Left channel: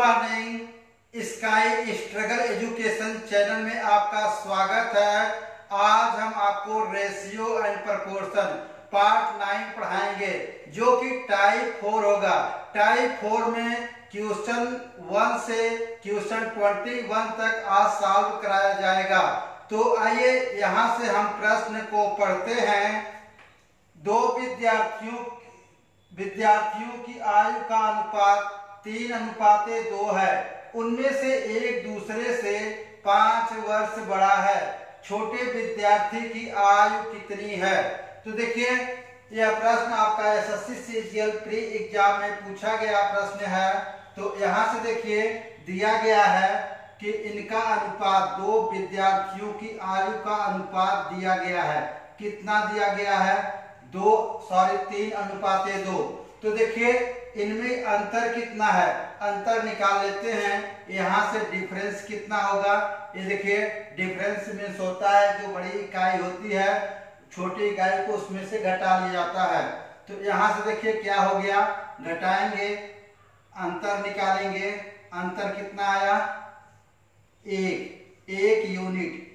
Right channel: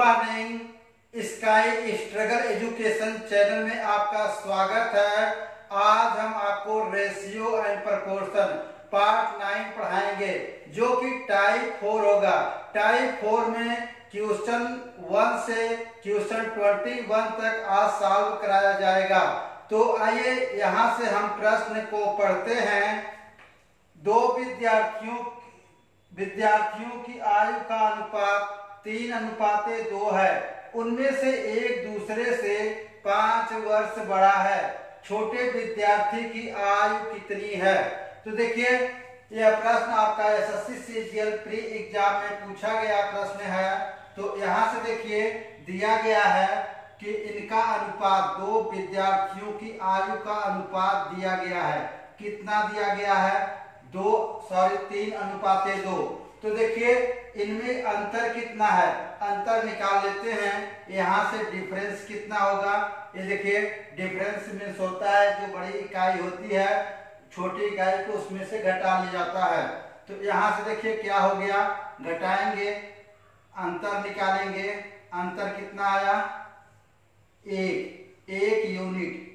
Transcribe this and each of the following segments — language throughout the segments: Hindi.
Morning, sky struggle education channel में आपका स्वागत है। आज हम आपको रेशियो एंड प्रोपोर्शन पार्ट 9 पढ़ाएंगे जो कि टाइप 4 होगा। टाइप 4 में क्वेश्चन 1 से क्वेश्चन 21 तक आज सॉल्व कराया जाएगा। तो आइए यहाँ से हम प्रश्न को पढ़ते हैं। दो विद्यार्थियों की आयु का अनुपात 3:2 है। उनमें से एक दूसरे से 5 वर्ष बड़ा है। छोटे विद्यार्थी की आयु कितनी है? तो देखिए, यह प्रश्न आपका एसएससी सीजीएल प्री एग्जाम में पूछा गया प्रश्न है। तो यहाँ से देखिए दिया गया है कि इनका अनुपात, दो विद्यार्थियों की आयु का अनुपात दिया गया है। कितना दिया गया है? 3:2। तो देखिए इनमें अंतर कितना है, अंतर निकाल लेते हैं। यहाँ से डिफरेंस कितना होगा? ये देखिए डिफरेंस मीन्स होता है जो बड़ी इकाई होती है, छोटी इकाई को उसमें से घटा लिया जाता है। तो यहाँ से देखिए क्या हो गया, घटाएंगे, अंतर निकालेंगे। अंतर कितना आया? एक यूनिट।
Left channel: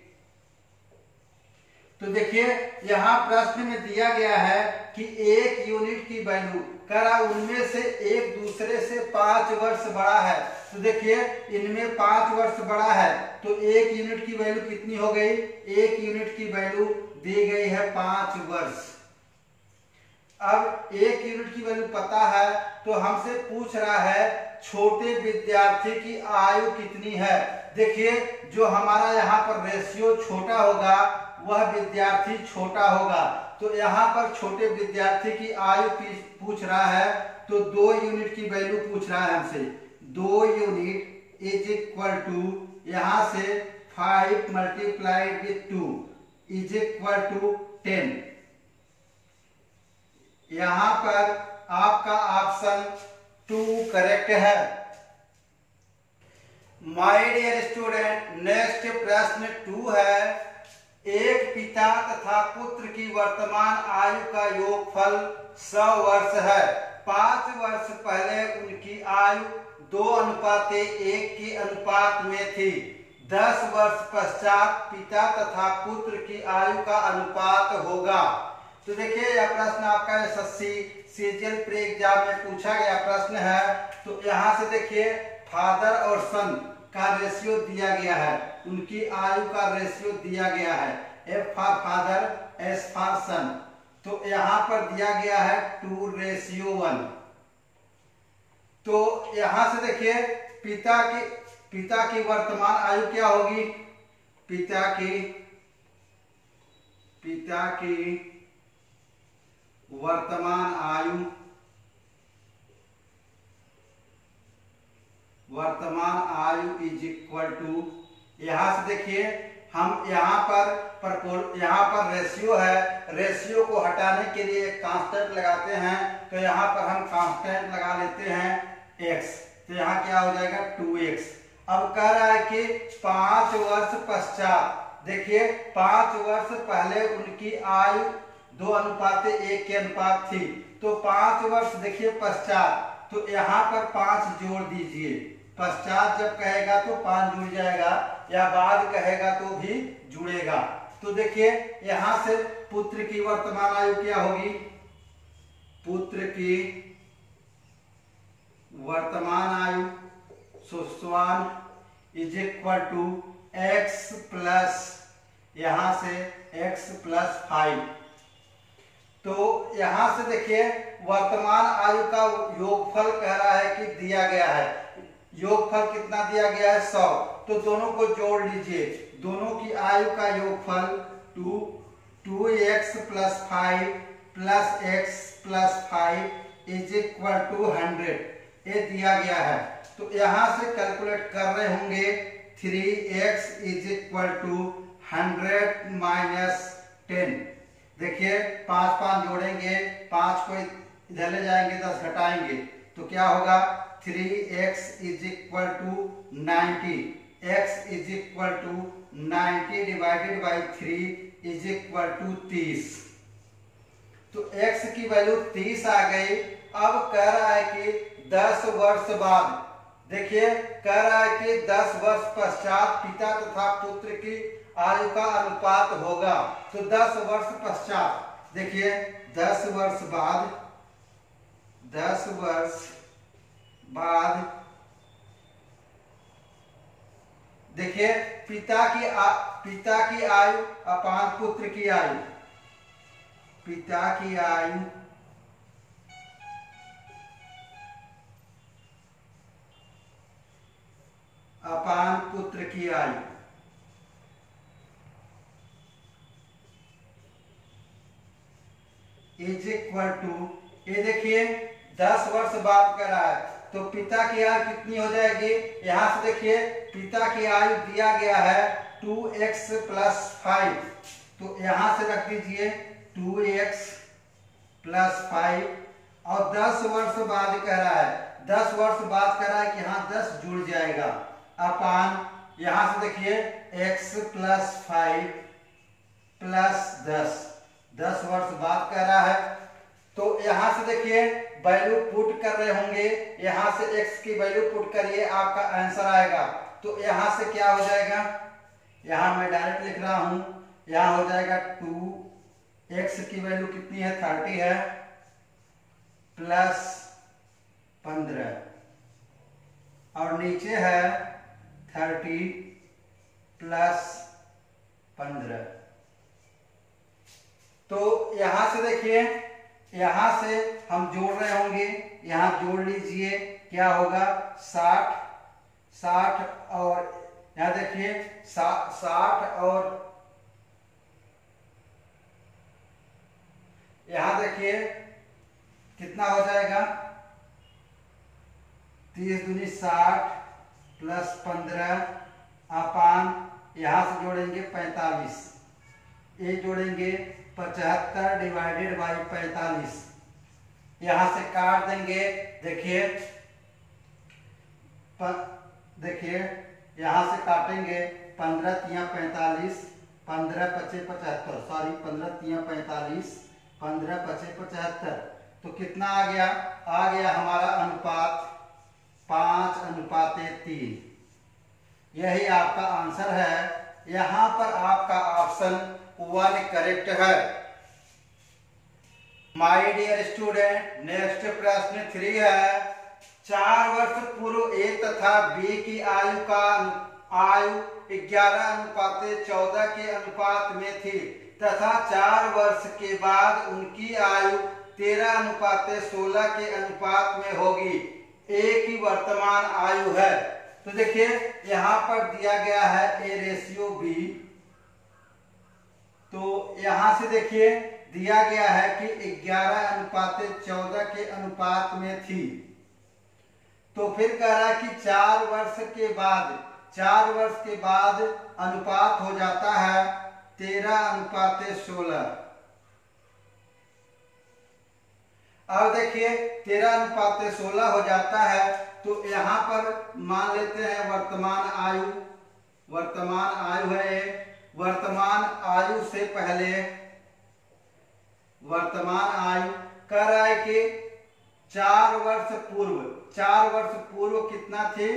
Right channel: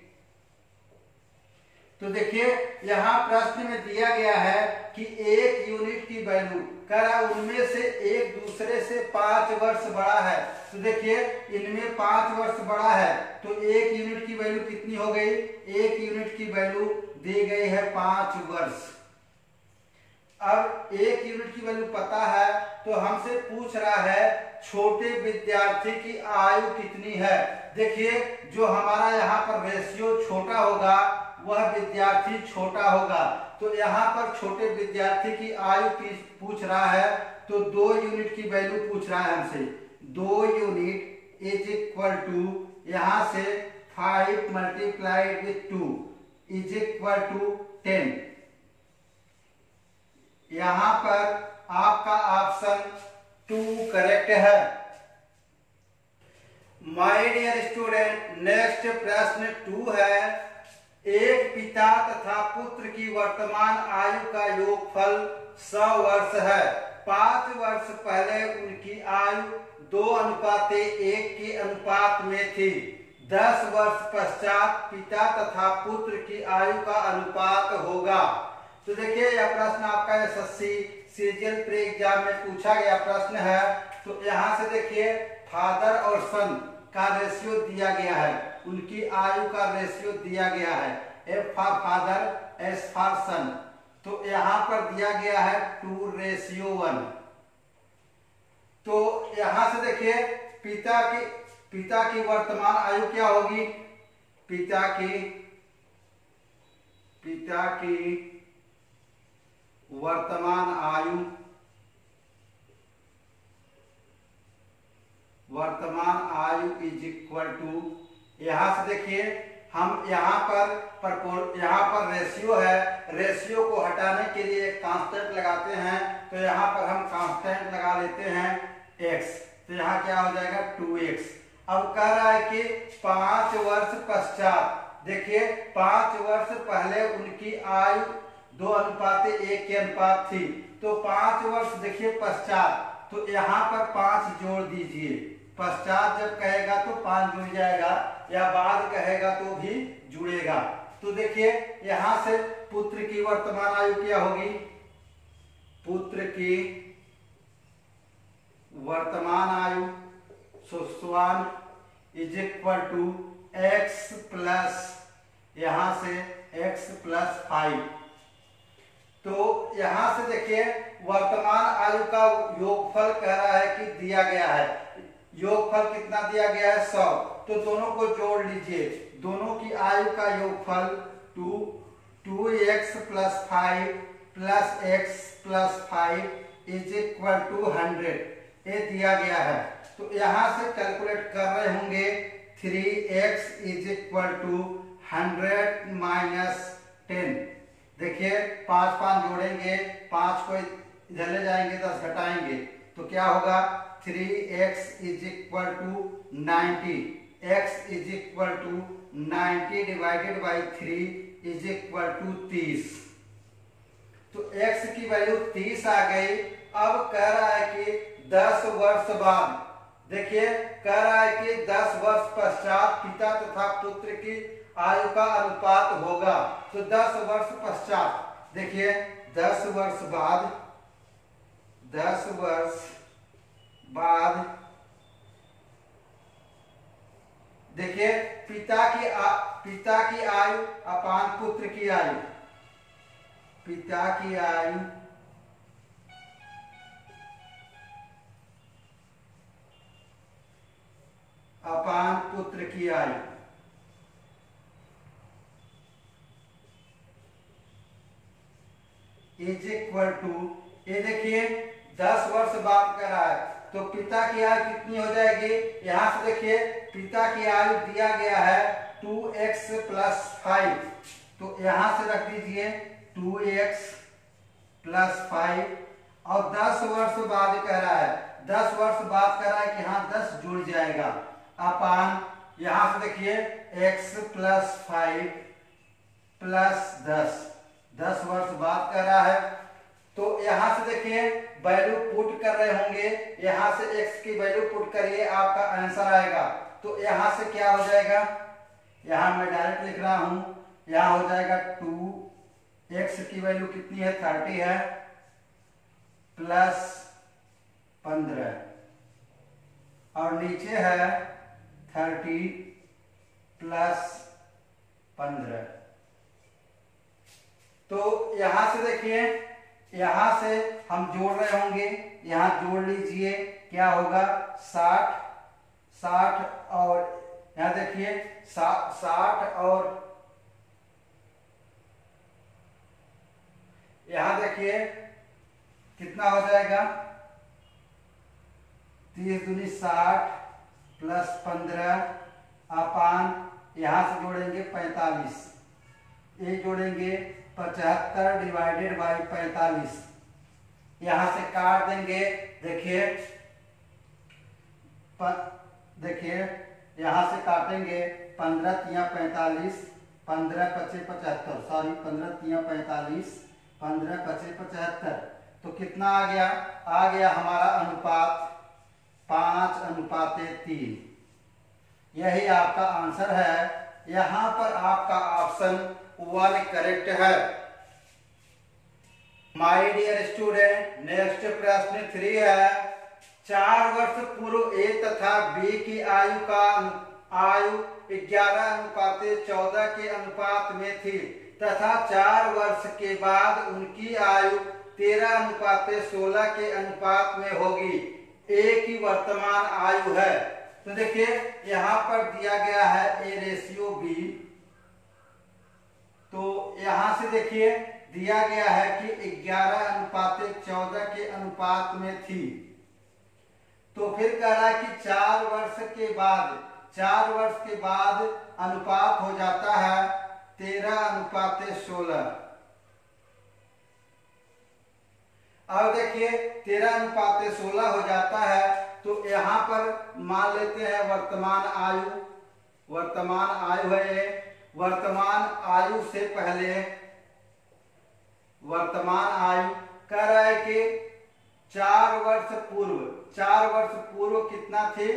तो देखिए यहाँ प्रश्न में दिया गया है कि 1 यूनिट की वैल्यू करा, उनमें से एक दूसरे से 5 वर्ष बड़ा है। तो देखिए इनमें 5 वर्ष बड़ा है, तो 1 यूनिट की वैल्यू कितनी हो गई? 1 यूनिट की वैल्यू दी गई है 5 वर्ष। अब 1 यूनिट की वैल्यू पता है, तो हमसे पूछ रहा है छोटे विद्यार्थी की आयु कितनी है। देखिए जो हमारा यहाँ पर रेशियो छोटा होगा वह विद्यार्थी छोटा होगा। तो यहाँ पर छोटे विद्यार्थी की आयु पूछ रहा है, तो 2 यूनिट की वैल्यू पूछ रहा है हमसे। 2 यूनिट इज इक्वल टू, यहाँ से 5 multiplied with 2 is equal to 10। यहाँ पर आपका ऑप्शन 2 करेक्ट है। माय डियर स्टूडेंट, नेक्स्ट प्रश्न 2 है। एक पिता तथा पुत्र की वर्तमान आयु का योगफल 100 वर्ष है। 5 वर्ष पहले उनकी आयु 2:1 के अनुपात में थी। 10 वर्ष पश्चात पिता तथा पुत्र की आयु का अनुपात होगा। तो देखिए यह प्रश्न आपका एसएससी सीजीएल प्री एग्जाम में पूछा गया प्रश्न है। तो यहाँ से देखिए फादर और सन का रेशियो दिया गया है, उनकी आयु का रेशियो दिया गया है। F for father, S for son. तो यहाँ पर दिया गया है 2:1। तो यहाँ से देखिए पिता की वर्तमान आयु क्या होगी? पिता की वर्तमान आयु इज इक्वल टू, यहाँ से देखिए हम यहाँ पर रेशियो है, रेशियो को हटाने के लिए कांस्टेंट लगाते हैं। तो यहाँ पर हम कांस्टेंट लगा लेते हैं x। तो यहाँ क्या हो जाएगा? 2x। अब कह रहा है कि 5 वर्ष पश्चात, देखिए 5 वर्ष पहले उनकी आयु 2:1 के अनुपात थी। तो 5 वर्ष देखिए पश्चात, तो यहाँ पर 5 जोड़ दीजिए। पश्चात जब कहेगा तो 5 जुड़ जाएगा, या बाद कहेगा तो भी जुड़ेगा। तो देखिए यहाँ से पुत्र की वर्तमान आयु क्या होगी? पुत्र की वर्तमान आयु सुस्वान is equal to x plus, यहाँ से x प्लस 5। तो यहाँ से देखिए वर्तमान आयु का योगफल कह रहा है कि दिया गया है। योगफल कितना दिया गया है? 100। तो दोनों को जोड़ लीजिए। दोनों की आयु का योगफल 2x plus 5 plus x plus 5 is equal to 100। ये दिया गया है। तो यहाँ से कैलकुलेट कर रहे होंगे 3x is equal to 100 minus 10। देखिए 5 जोड़ेंगे, 5 को इधर ले जाएंगे, 10 घटाएंगे, तो क्या होगा? 3x is equal to 90। x is equal to 90 divided by 3 is equal to 30। तो x की वैल्यू 30 आ गई। अब कह रहा है कि 10 वर्ष बाद देखिए कह रहा है कि 10 वर्ष पश्चात पिता तथा पुत्र की आयु का अनुपात होगा। तो 10 वर्ष पश्चात देखिए 10 वर्ष बाद देखिए पिता की आयु अपान पुत्र की आयु, पिता की आयु अपान पुत्र की आयु इज इक्वल टू, ये देखिए 10 वर्ष बाद कर रहा है तो पिता की आयु कितनी हो जाएगी। यहां से देखिए पिता की आयु दिया गया है 2x + 5, तो यहां से रख दीजिए 2x + 5 और 10 वर्ष बाद कह रहा है, 10 वर्ष बाद कह रहा है कि यहां 10 जुड़ जाएगा अपान, यहां से देखिए x + 5 + 10 वर्ष बाद कह रहा है। तो यहां से देखिए वैल्यू पुट कर रहे होंगे, यहां से x की वैल्यू पुट करिए आपका आंसर आएगा। तो यहां से क्या हो जाएगा, यहां मैं डायरेक्ट लिख रहा हूं, यहां हो जाएगा 2x की वैल्यू कितनी है 30 है प्लस 15 और नीचे है 30 प्लस 15। तो यहां से देखिए यहां से हम जोड़ रहे होंगे, यहां जोड़ लीजिए क्या होगा 60 और यहां देखिए 60 और यहां देखिए कितना हो जाएगा 30 दूनी 60 प्लस 15 अपान, यहां से जोड़ेंगे 45, ये जोड़ेंगे 75 डिवाइडेड बाई 45, यहां से काट देंगे। देखिए यहां से काटेंगे 15 × 45, 15 × 5 = 75, सॉरी 15 × 45, 15 × 5 = 75। तो कितना आ गया हमारा अनुपात 5:3। यही आपका आंसर है। यहां पर आपका ऑप्शन 1 करेक्ट है। माय डियर स्टूडेंट, नेक्स्ट प्रश्न 3 है। 4 वर्ष पूर्व ए तथा बी की आयु 11:14 के अनुपात में थी तथा 4 वर्ष के बाद उनकी आयु 13:16 के अनुपात में होगी। ए की वर्तमान आयु है। तो देखिए यहां पर दिया गया है A/B, तो यहां से देखिए दिया गया है कि 11:14 के अनुपात में थी। तो फिर कह रहा है कि 4 वर्ष के बाद अनुपात हो जाता है 13:16। अब देखिए 13:16 हो जाता है तो यहां पर मान लेते हैं वर्तमान आयु है। वर्तमान आयु से पहले वर्तमान आयु कह रहा है कि 4 वर्ष पूर्व कितना थे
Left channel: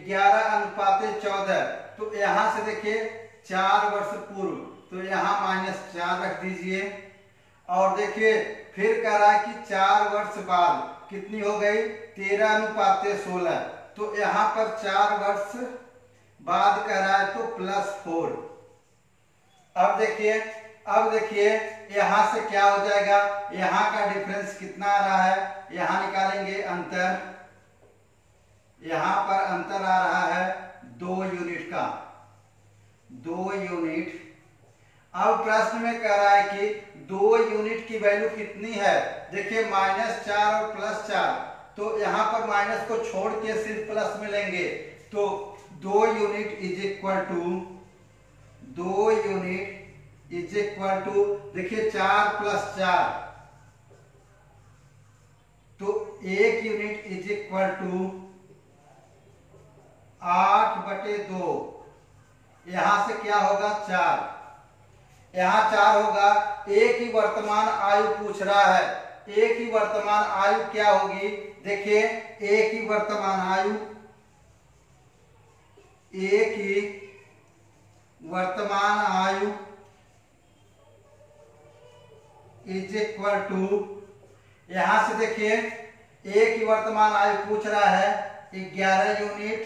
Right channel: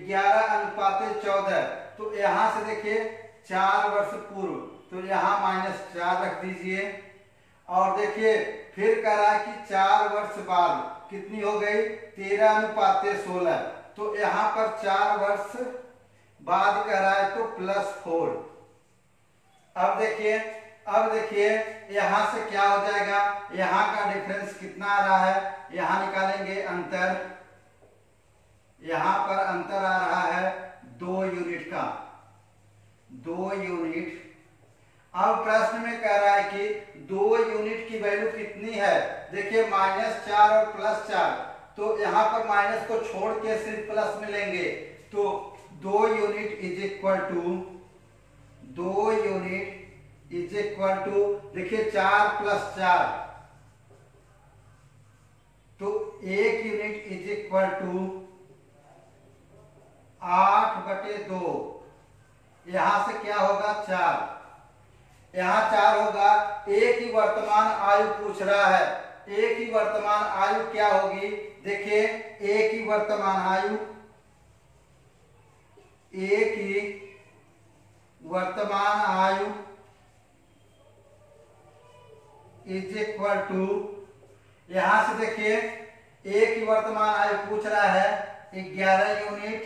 11:14। तो यहां से देखिए 4 वर्ष पूर्व, तो यहां -4 रख दीजिए और देखिए फिर कह रहा है कि 4 वर्ष बाद कितनी हो गई 13:16। तो यहां पर 4 वर्ष बाद कह रहा है तो +4। अब देखिए यहां से क्या हो जाएगा, यहां का डिफरेंस कितना आ रहा है, यहां निकालेंगे अंतर, यहां पर अंतर आ रहा है 2 यूनिट का, 2 यूनिट। अब प्रश्न में कह रहा है कि 2 यूनिट की वैल्यू कितनी है। देखिए -4 और +4, तो यहां पर माइनस को छोड़ के सिर्फ प्लस में लेंगे। तो 2 यूनिट इज इक्वल टू देखिए 4 + 4, तो 1 यूनिट इज इक्वल टू 8/2। यहां से क्या होगा 4, यहां 4 होगा। एक ही वर्तमान आयु पूछ रहा है, एक ही वर्तमान आयु क्या होगी। देखिए एक ही वर्तमान आयु ए की वर्तमान आयु इज इक्वल टू, यहां से देखिए ए की वर्तमान आयु पूछ रहा है 11 यूनिट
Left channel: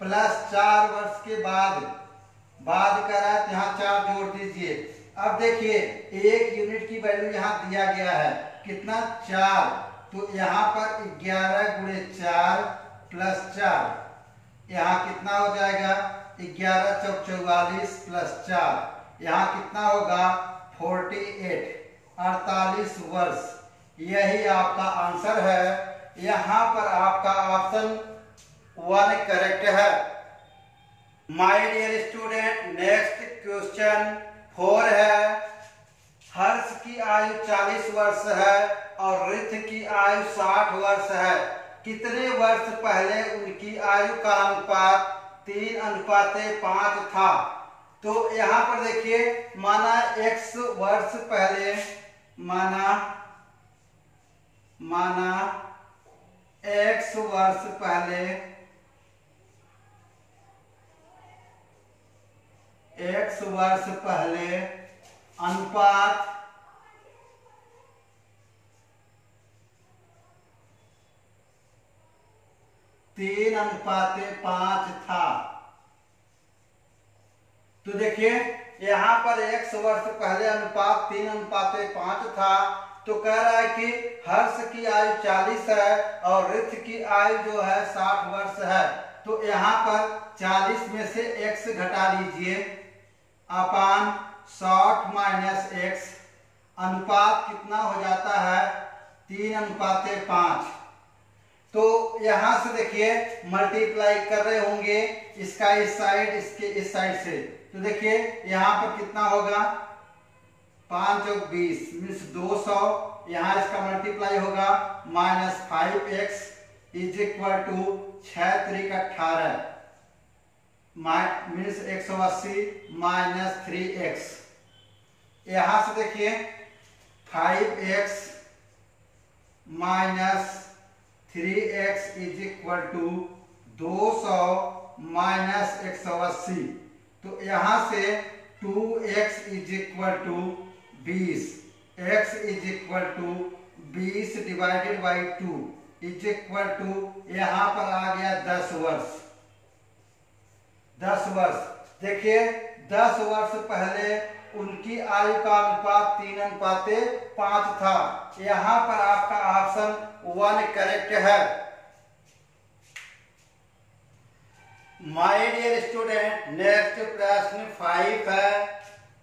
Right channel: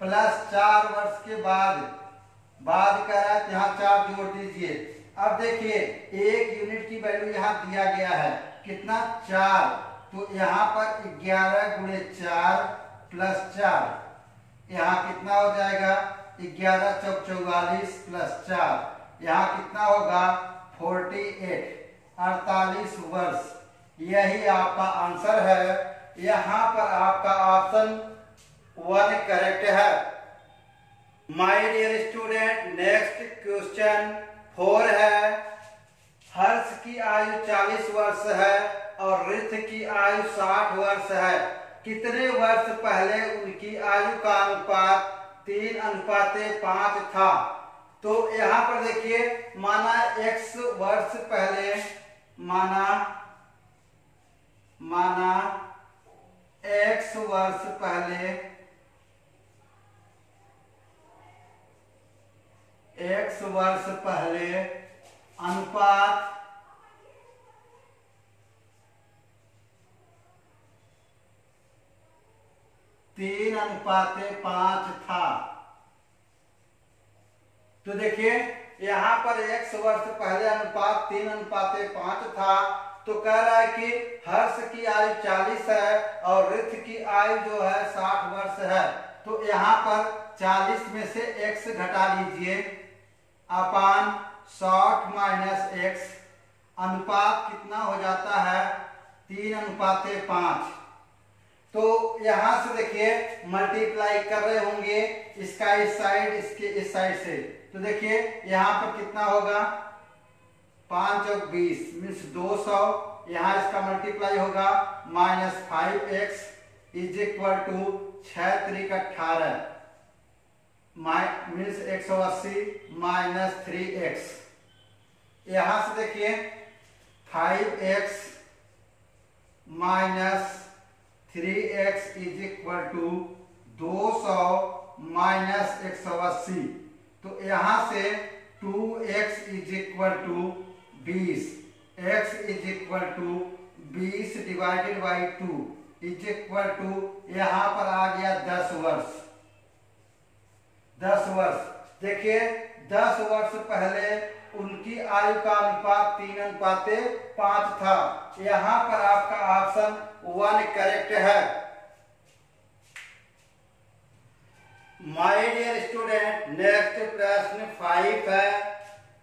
प्लस 4 वर्ष के बाद कर रहा है, तो यहाँ 4 जोड़ दीजिए। अब देखिए 1 यूनिट की वैल्यू यहाँ दिया गया है कितना 4, तो यहाँ पर 11 गुणे 4 प्लस 4, यहाँ कितना हो जाएगा 11 चौक 44 प्लस 4, यहाँ कितना होगा 48 वर्ष। यही आपका आंसर है। यहाँ पर आपका ऑप्शन 1 करेक्ट है। My dear student, next question 4 है। हर्ष की आयु 40 वर्ष है और रिथ की आयु 60 वर्ष है। कितने वर्ष पहले उनकी आयु का अनुपात 3:5 था? तो यहाँ पर देखिए माना x वर्ष पहले, माना x वर्ष पहले, x वर्ष पहले अनुपात 3:5 था। तो देखिए यहाँ पर x वर्ष पहले अनुपात 3:5 था, तो कह रहा है कि हर्ष की आयु 40 है और रिथ की आयु जो है 60 वर्ष है। तो यहाँ पर 40 में से x घटा लीजिए अपान 60 माइनस x, अनुपात कितना हो जाता है 3:5। तो यहां से देखिए मल्टीप्लाई कर रहे होंगे इसका इस साइड, इसके इस साइड से, तो देखिए यहां पर कितना होगा 5 और 20 मीन्स 200, यहां इसका मल्टीप्लाई होगा minus 5x is equal to 6 3 18 means 180 minus 3x। यहां से देखिए 5x minus 3x is equal to 200 minus 180, तो यहां से 2x is equal to 20, x is equal to 20 divided by 2 is equal to, यहां पर आ गया 10 वर्ष। 10 वर्ष देखिए 10 वर्ष पहले उनकी आयु का अनुपात 3:5 था। यहां पर आपका ऑप्शन 1 करेक्ट है। माय डियर स्टूडेंट, नेक्स्ट प्रश्न 5 है।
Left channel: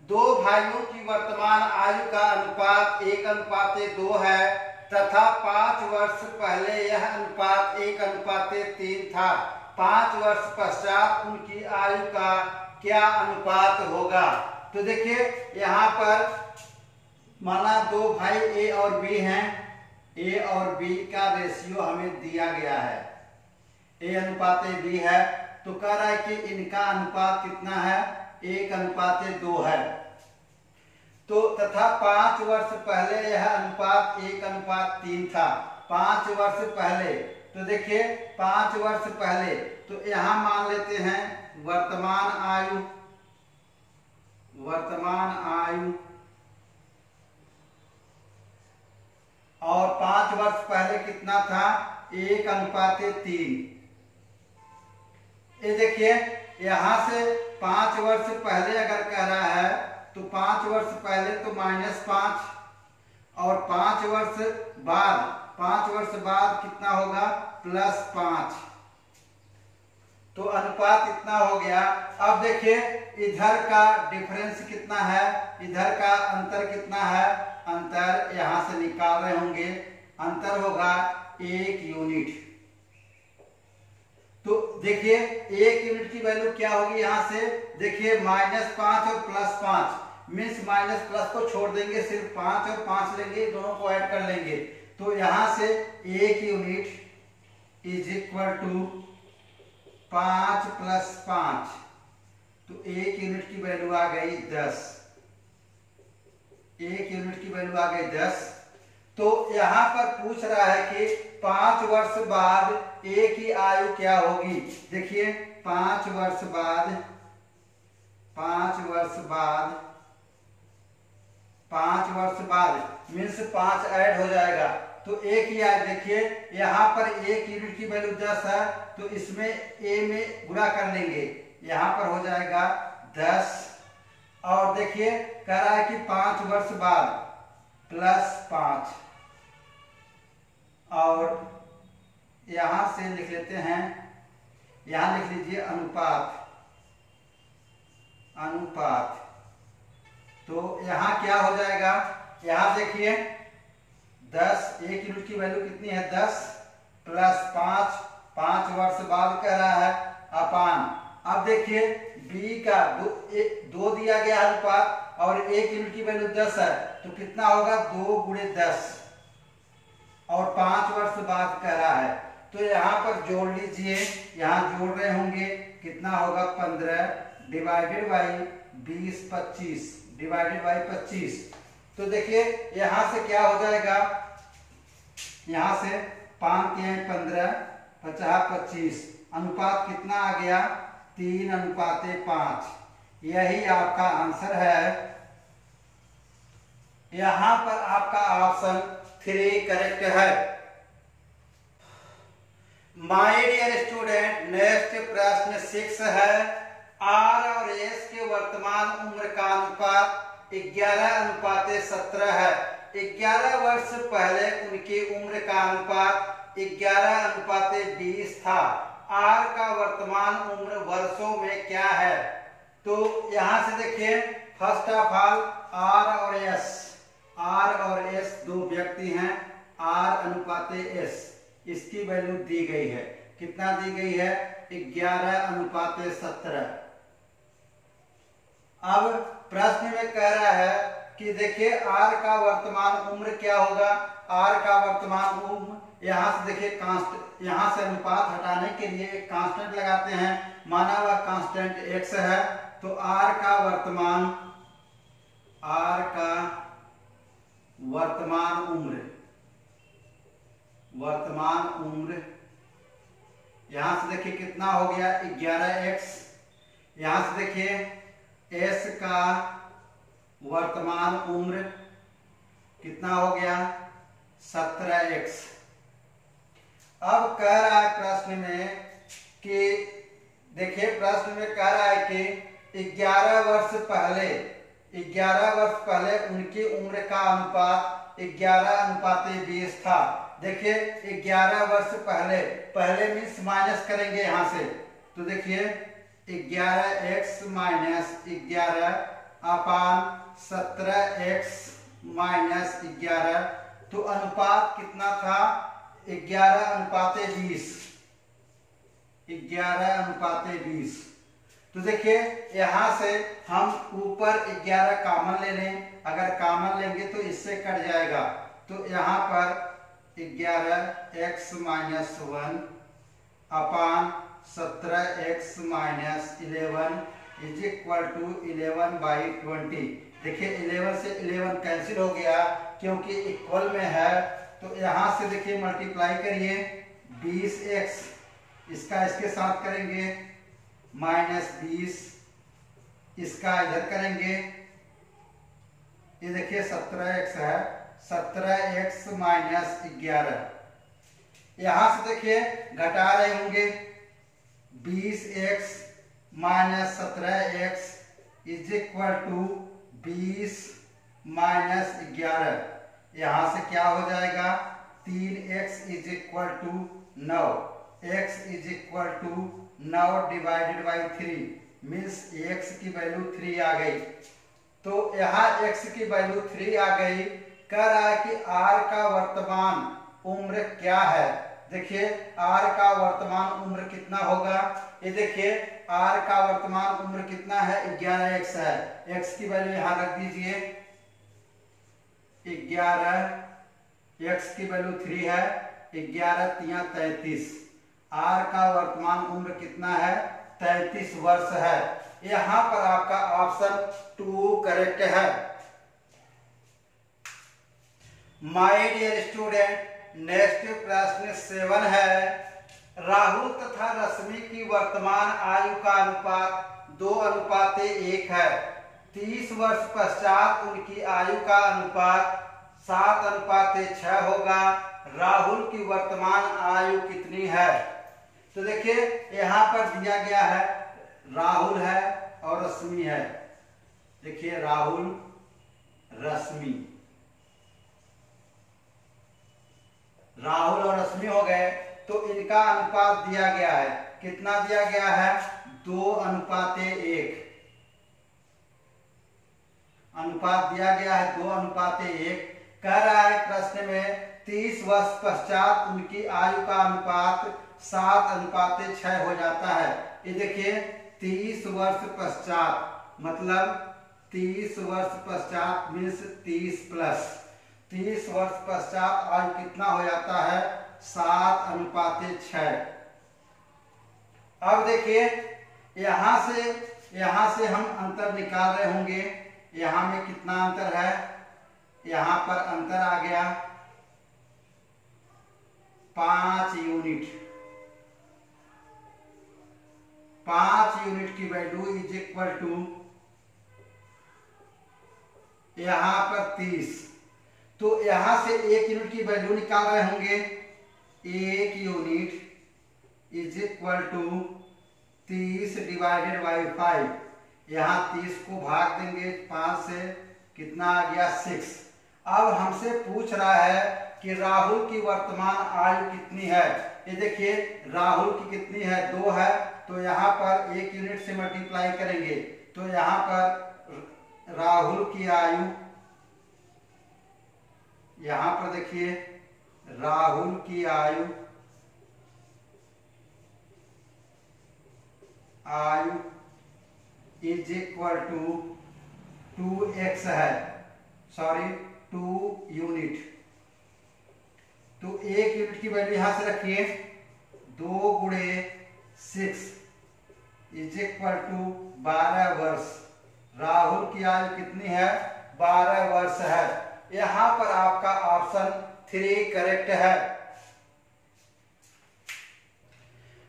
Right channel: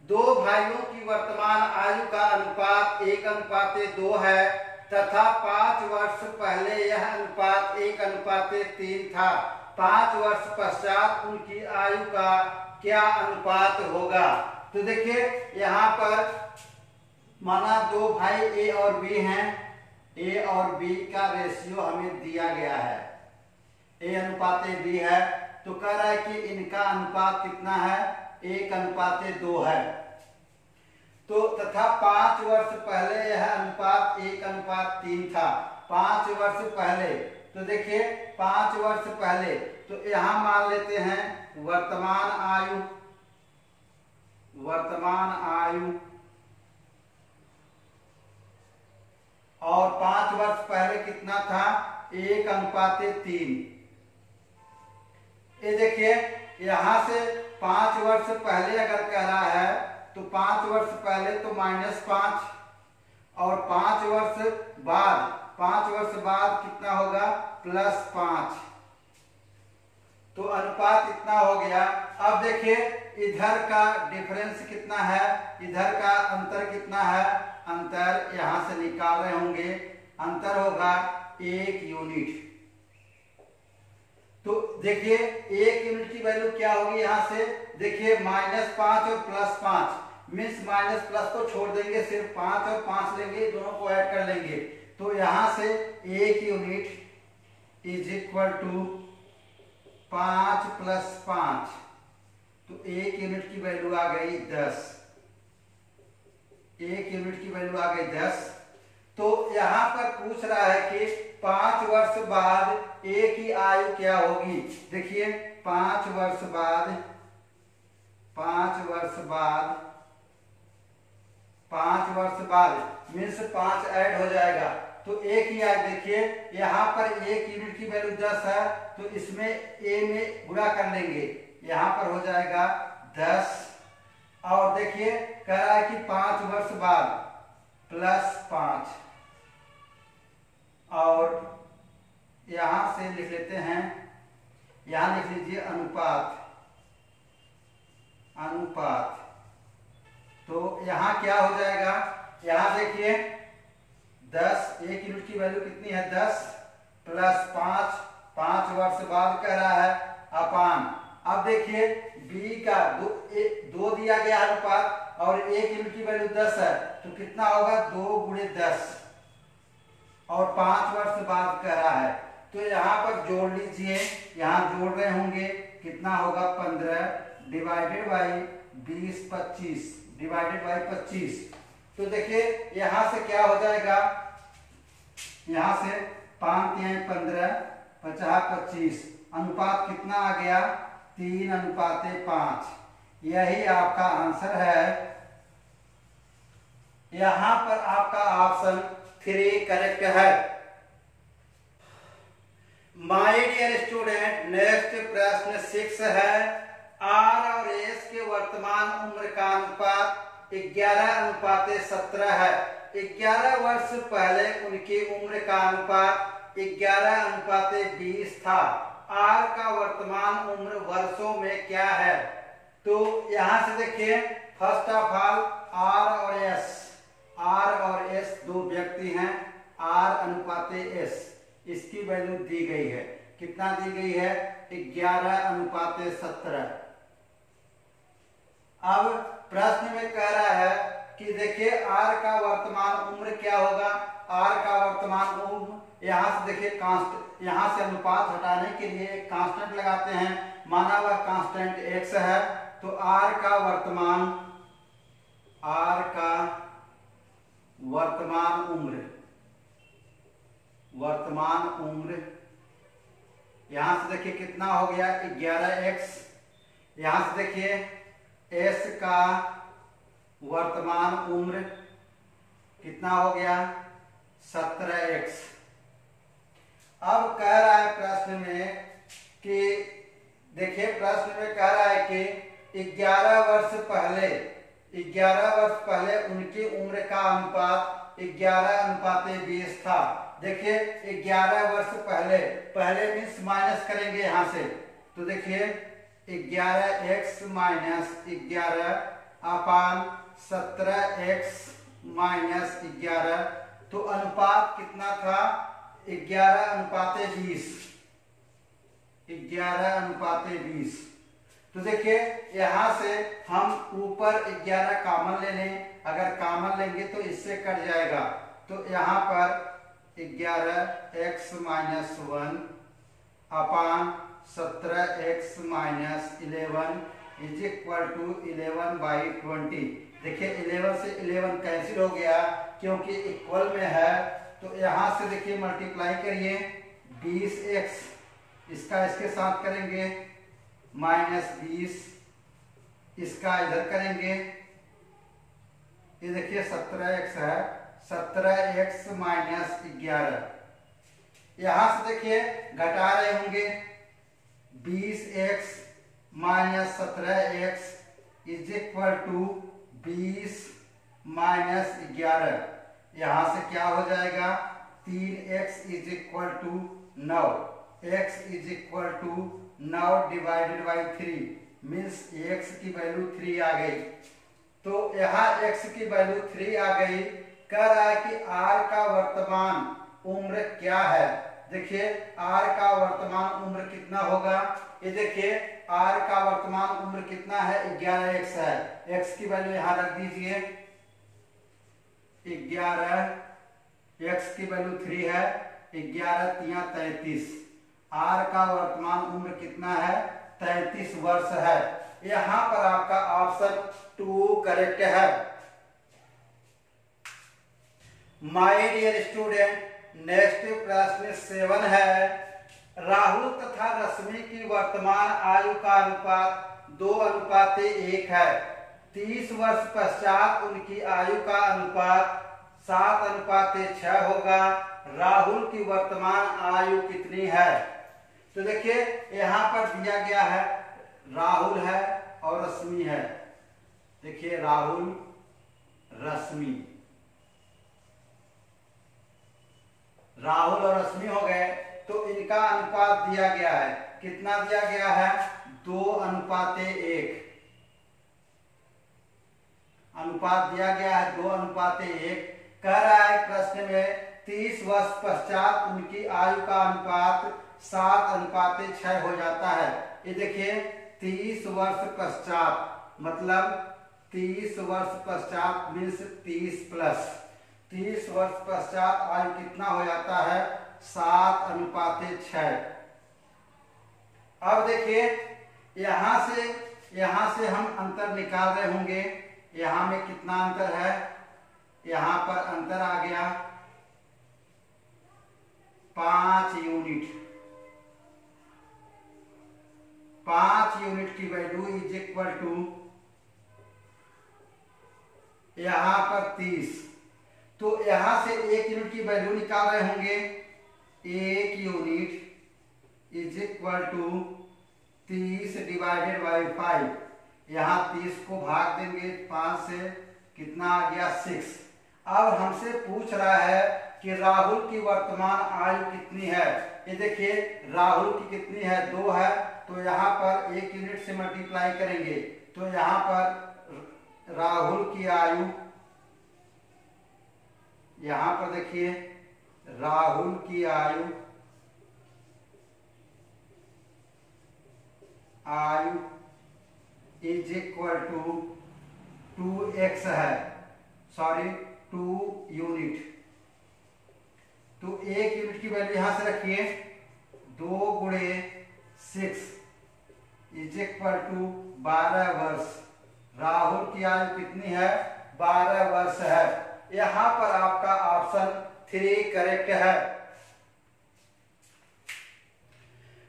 2 भाइयों की वर्तमान आयु का अनुपात 1:2 है तथा 5 वर्ष पहले यह अनुपात 1:3 था। 5 वर्ष पश्चात उनकी आयु का क्या अनुपात होगा? तो देखिए यहाँ पर माना 2 भाई ए और बी हैं, ए और बी का रेशियो हमें दिया गया है, a/b है, तो कह रहा है कि इनका अनुपात कितना है 1:2 है। तो तथा 5 वर्ष पहले यह अनुपात 1:3 था। 5 वर्ष पहले, तो देखिए 5 वर्ष पहले, तो यहां मान लेते हैं वर्तमान आयु और 5 वर्ष पहले कितना था 1:3। ये देखिए यहां से 5 वर्ष पहले अगर कह रहा है तो 5 वर्ष पहले तो -5 और 5 वर्ष बाद कितना होगा +5, तो अनुपात इतना हो गया। अब देखिए इधर का डिफरेंस कितना है, इधर का अंतर कितना है, अंतर यहां से निकाल रहे होंगे, अंतर होगा 1 यूनिट। तो देखिए 1 यूनिट की वैल्यू क्या होगी, यहां से देखिए -5 और +5 मीन्स माइनस प्लस को छोड़ देंगे, सिर्फ 5 और 5 लेंगे, दोनों को ऐड कर लेंगे, तो यहां से 1 यूनिट इज इक्वल टू 5 + 5, तो 1 यूनिट की वैल्यू आ गई 10। 1 यूनिट की वैल्यू आ गई 10। तो यहां पर पूछ रहा है कि 5 वर्ष बाद ए की आयु क्या होगी। देखिए 5 वर्ष बाद 5 वर्ष बाद मीन्स 5 ऐड हो जाएगा तो एक ही आज देखिए यहाँ पर एक यूनिट की वैल्यू 10 है तो इसमें ए में गुणा कर लेंगे, यहाँ पर हो जाएगा 10। और देखिए कह रहा है कि 5 वर्ष बाद +5 और यहां से लिख लेते हैं, यहां लिख लीजिए अनुपात। तो यहां क्या हो जाएगा, यहां देखिए 10 एक यूनिट की वैल्यू कितनी है 10 +5 5 वर्ष बाद कह रहा है अपान। अब देखिए बी का दो दिया गया अनुपात और एक यूनिट की वैल्यू 10 है तो कितना होगा 2 × 10 और 5 वर्ष बाद कह रहा है तो यहाँ पर जोड़ लीजिए, यहाँ जोड़ रहे होंगे कितना होगा 15 डिवाइडेड बाई 20 25 डिवाइडेड बाई 25। तो देखिए यहाँ से क्या हो जाएगा, यहाँ से 5 × 15 50 25 अनुपात कितना आ गया 3:5। यही आपका आंसर है। यहां पर आपका ऑप्शन 3 करेक्ट है। माय डियर स्टूडेंट नेक्स्ट प्रश्न 6 है। आर और एस के वर्तमान उम्र का अनुपात 11:17 है। 11 वर्ष पहले उनकी उम्र का अनुपात 11:20 था। आर का वर्तमान उम्र वर्षों में क्या है। तो यहां से देखिए फर्स्ट ऑफ ऑल आर और एस दो व्यक्ति हैं। R/S इसकी वैल्यू दी गई है, कितना दी गई है 11:17। अब प्रश्न में कह रहा है कि देखिए आर का वर्तमान उम्र क्या होगा। आर का वर्तमान उम्र यहां से देखिए कांस्टेंट, यहां से अनुपात हटाने के लिए एक कांस्टेंट लगाते हैं, माना हुआ कांस्टेंट x है। तो आर का वर्तमान उम्र यहां से देखिए कितना हो गया 11x। यहां से देखिए s का वर्तमान उम्र कितना हो गया 17x। अब कह रहा है प्रश्न में कि देखिए प्रश्न में कह रहा है कि 11 वर्ष पहले उनकी उम्र का अनुपात 11:20 था। देखिए 11 वर्ष पहले मीन्स माइनस करेंगे यहां से। तो देखिए 11x - 11/17x - 11। तो अनुपात कितना था 11:20। 11:20। तो देखिए यहां से हम ऊपर 11 कॉमन ले लें, अगर कॉमन लेंगे तो इससे कट जाएगा। तो यहां पर 11x - 1 upon 17x - 11 is equal to 11/20। देखिए 11 से 11 कैंसिल हो गया क्योंकि इक्वल में है। तो यहां से देखिए मल्टीप्लाई करिए 20x, इसका इसके साथ करेंगे -20, इसका इधर करेंगे, ये देखिए 17x है, 17x - 11। यहां से देखिए घटा रहे होंगे 20x - 17x is equal to 20 - 11। यहां से क्या हो जाएगा 3x is equal to 9, x is equal to 9 divided by 3 means x की वैल्यू 3 आ गई। तो यहाँ x की वैल्यू 3 आ गई। कह रहा है कि r का वर्तमान उम्र क्या है। देखिए r का वर्तमान उम्र कितना होगा, ये देखिए r का वर्तमान उम्र कितना है 11x है। x की वैल्यू यहाँ रख दीजिए 11, x की वैल्यू 3 है, 11 × 3 = 33। r का वर्तमान उम्र कितना है 33 वर्ष है। यहां पर आपका ऑप्शन 2 करेक्ट है। माय डियर स्टूडेंट नेक्स्ट प्रश्न 7 है। राहुल तथा रश्मि की वर्तमान आयु का अनुपात 2:1 है। 30 वर्ष पश्चात उनकी आयु का अनुपात 7:6 होगा। राहुल की वर्तमान आयु कितनी है? तो देखिए यहाँ पर दिया गया है, राहुल है और रश्मि है। देखिए राहुल, रश्मि, राहुल और रश्मि हो गए, तो इनका अनुपात दिया गया है। कितना दिया गया है? 2:1 अनुपात दिया गया है, 2:1। कह रहा है प्रश्न में 30 वर्ष पश्चात उनकी आयु का अनुपात 7:6 हो जाता है। ये देखिए 30 वर्ष पश्चात मतलब 30 वर्ष पश्चात मीन्स 30 वर्ष पश्चात आयु कितना हो जाता है? 7:6। अब देखिए यहां से हम अंतर निकाल रहे होंगे। यहां में कितना अंतर है? यहां पर अंतर आ गया 5 यूनिट। 5 यूनिट की वैल्यू इज इक्वल टू यहां पर 30। तो यहां से 1 यूनिट की वैल्यू निकाल रहे होंगे। 1 unit is equal to 30 divided by 5। यहां 30 को भाग देंगे 5 से, कितना आ गया? 6। अब हमसे पूछ रहा है कि राहुल की वर्तमान आयु कितनी है। ये देखिए राहुल की कितनी है? 2 है। तो यहाँ पर 1 यूनिट से मल्टीप्लाई करेंगे तो यहाँ पर राहुल की आयु, यहाँ पर देखिए राहुल की आयु इज इक्वल टू 2x है, सॉरी 2 यूनिट। तो 1 यूनिट की वैल्यू यहां से रखिए, 2 गुणे 6 इज इक्वल टू 12 वर्ष। राहुल की आयु कितनी है? 12 वर्ष है। यहां पर आपका ऑप्शन 3 करेक्ट है।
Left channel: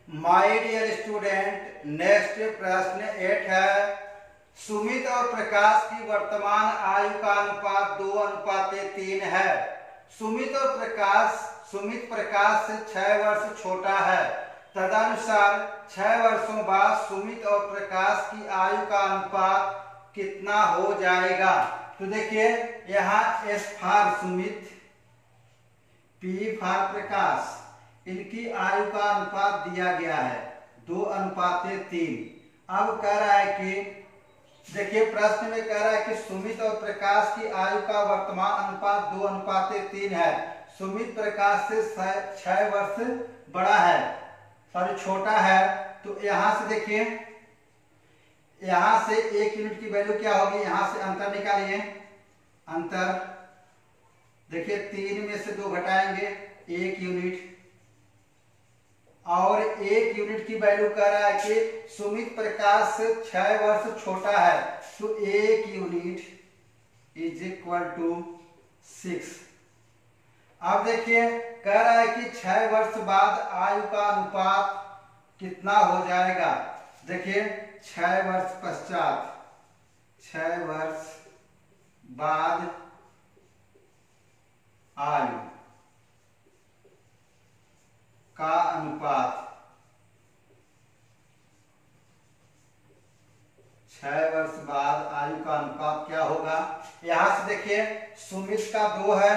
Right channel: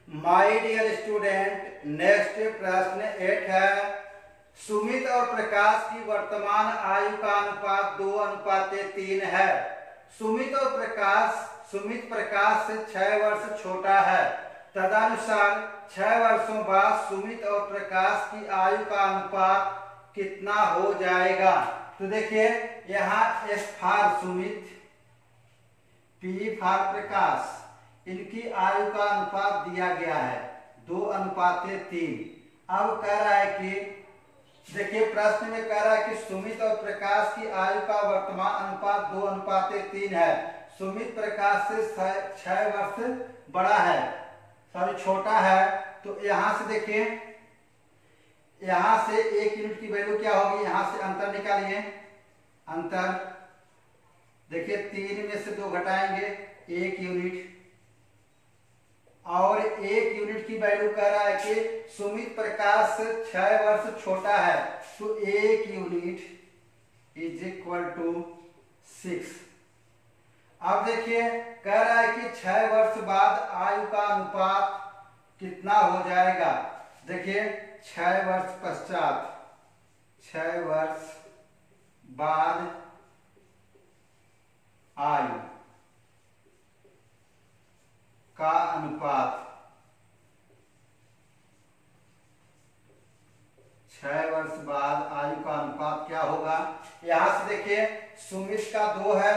माय डियर स्टूडेंट, नेक्स्ट प्रश्न 8 है। सुमित और प्रकाश की वर्तमान आयु का अनुपात 2:3 है। सुमित प्रकाश से 6 वर्ष छोटा है। तदनुसार 6 वर्षों बाद सुमित और प्रकाश की आयु का अनुपात कितना हो जाएगा? तो देखिए यहाँ S for Sumit, P for Prakash, इनकी आयु का अनुपात दिया गया है 2:3। अब कह रहा है कि देखिए प्रश्न में कह रहा है कि सुमित और प्रकाश की आयु का वर्तमान अनुपात 2:3 है। सुमित प्रकाश से 6 वर्ष बड़ा है, सॉरी छोटा है। तो यहां से देखिए, यहां से 1 यूनिट की वैल्यू क्या होगी? यहां से अंतर निकालिए। अंतर देखिए 3 में से 2 घटाएंगे 1 यूनिट, और 1 यूनिट की वैल्यू कह रहा है कि सुमित प्रकाश से 6 वर्ष छोटा है। तो 1 यूनिट इज इक्वल टू 6। अब देखिए कह रहा है कि 6 वर्ष बाद आयु का अनुपात कितना हो जाएगा? देखिए 6 वर्ष पश्चात, 6 वर्ष बाद आयु का अनुपात, 6 वर्ष बाद आयु का अनुपात क्या होगा? यहां से देखिए सुमित का 2 है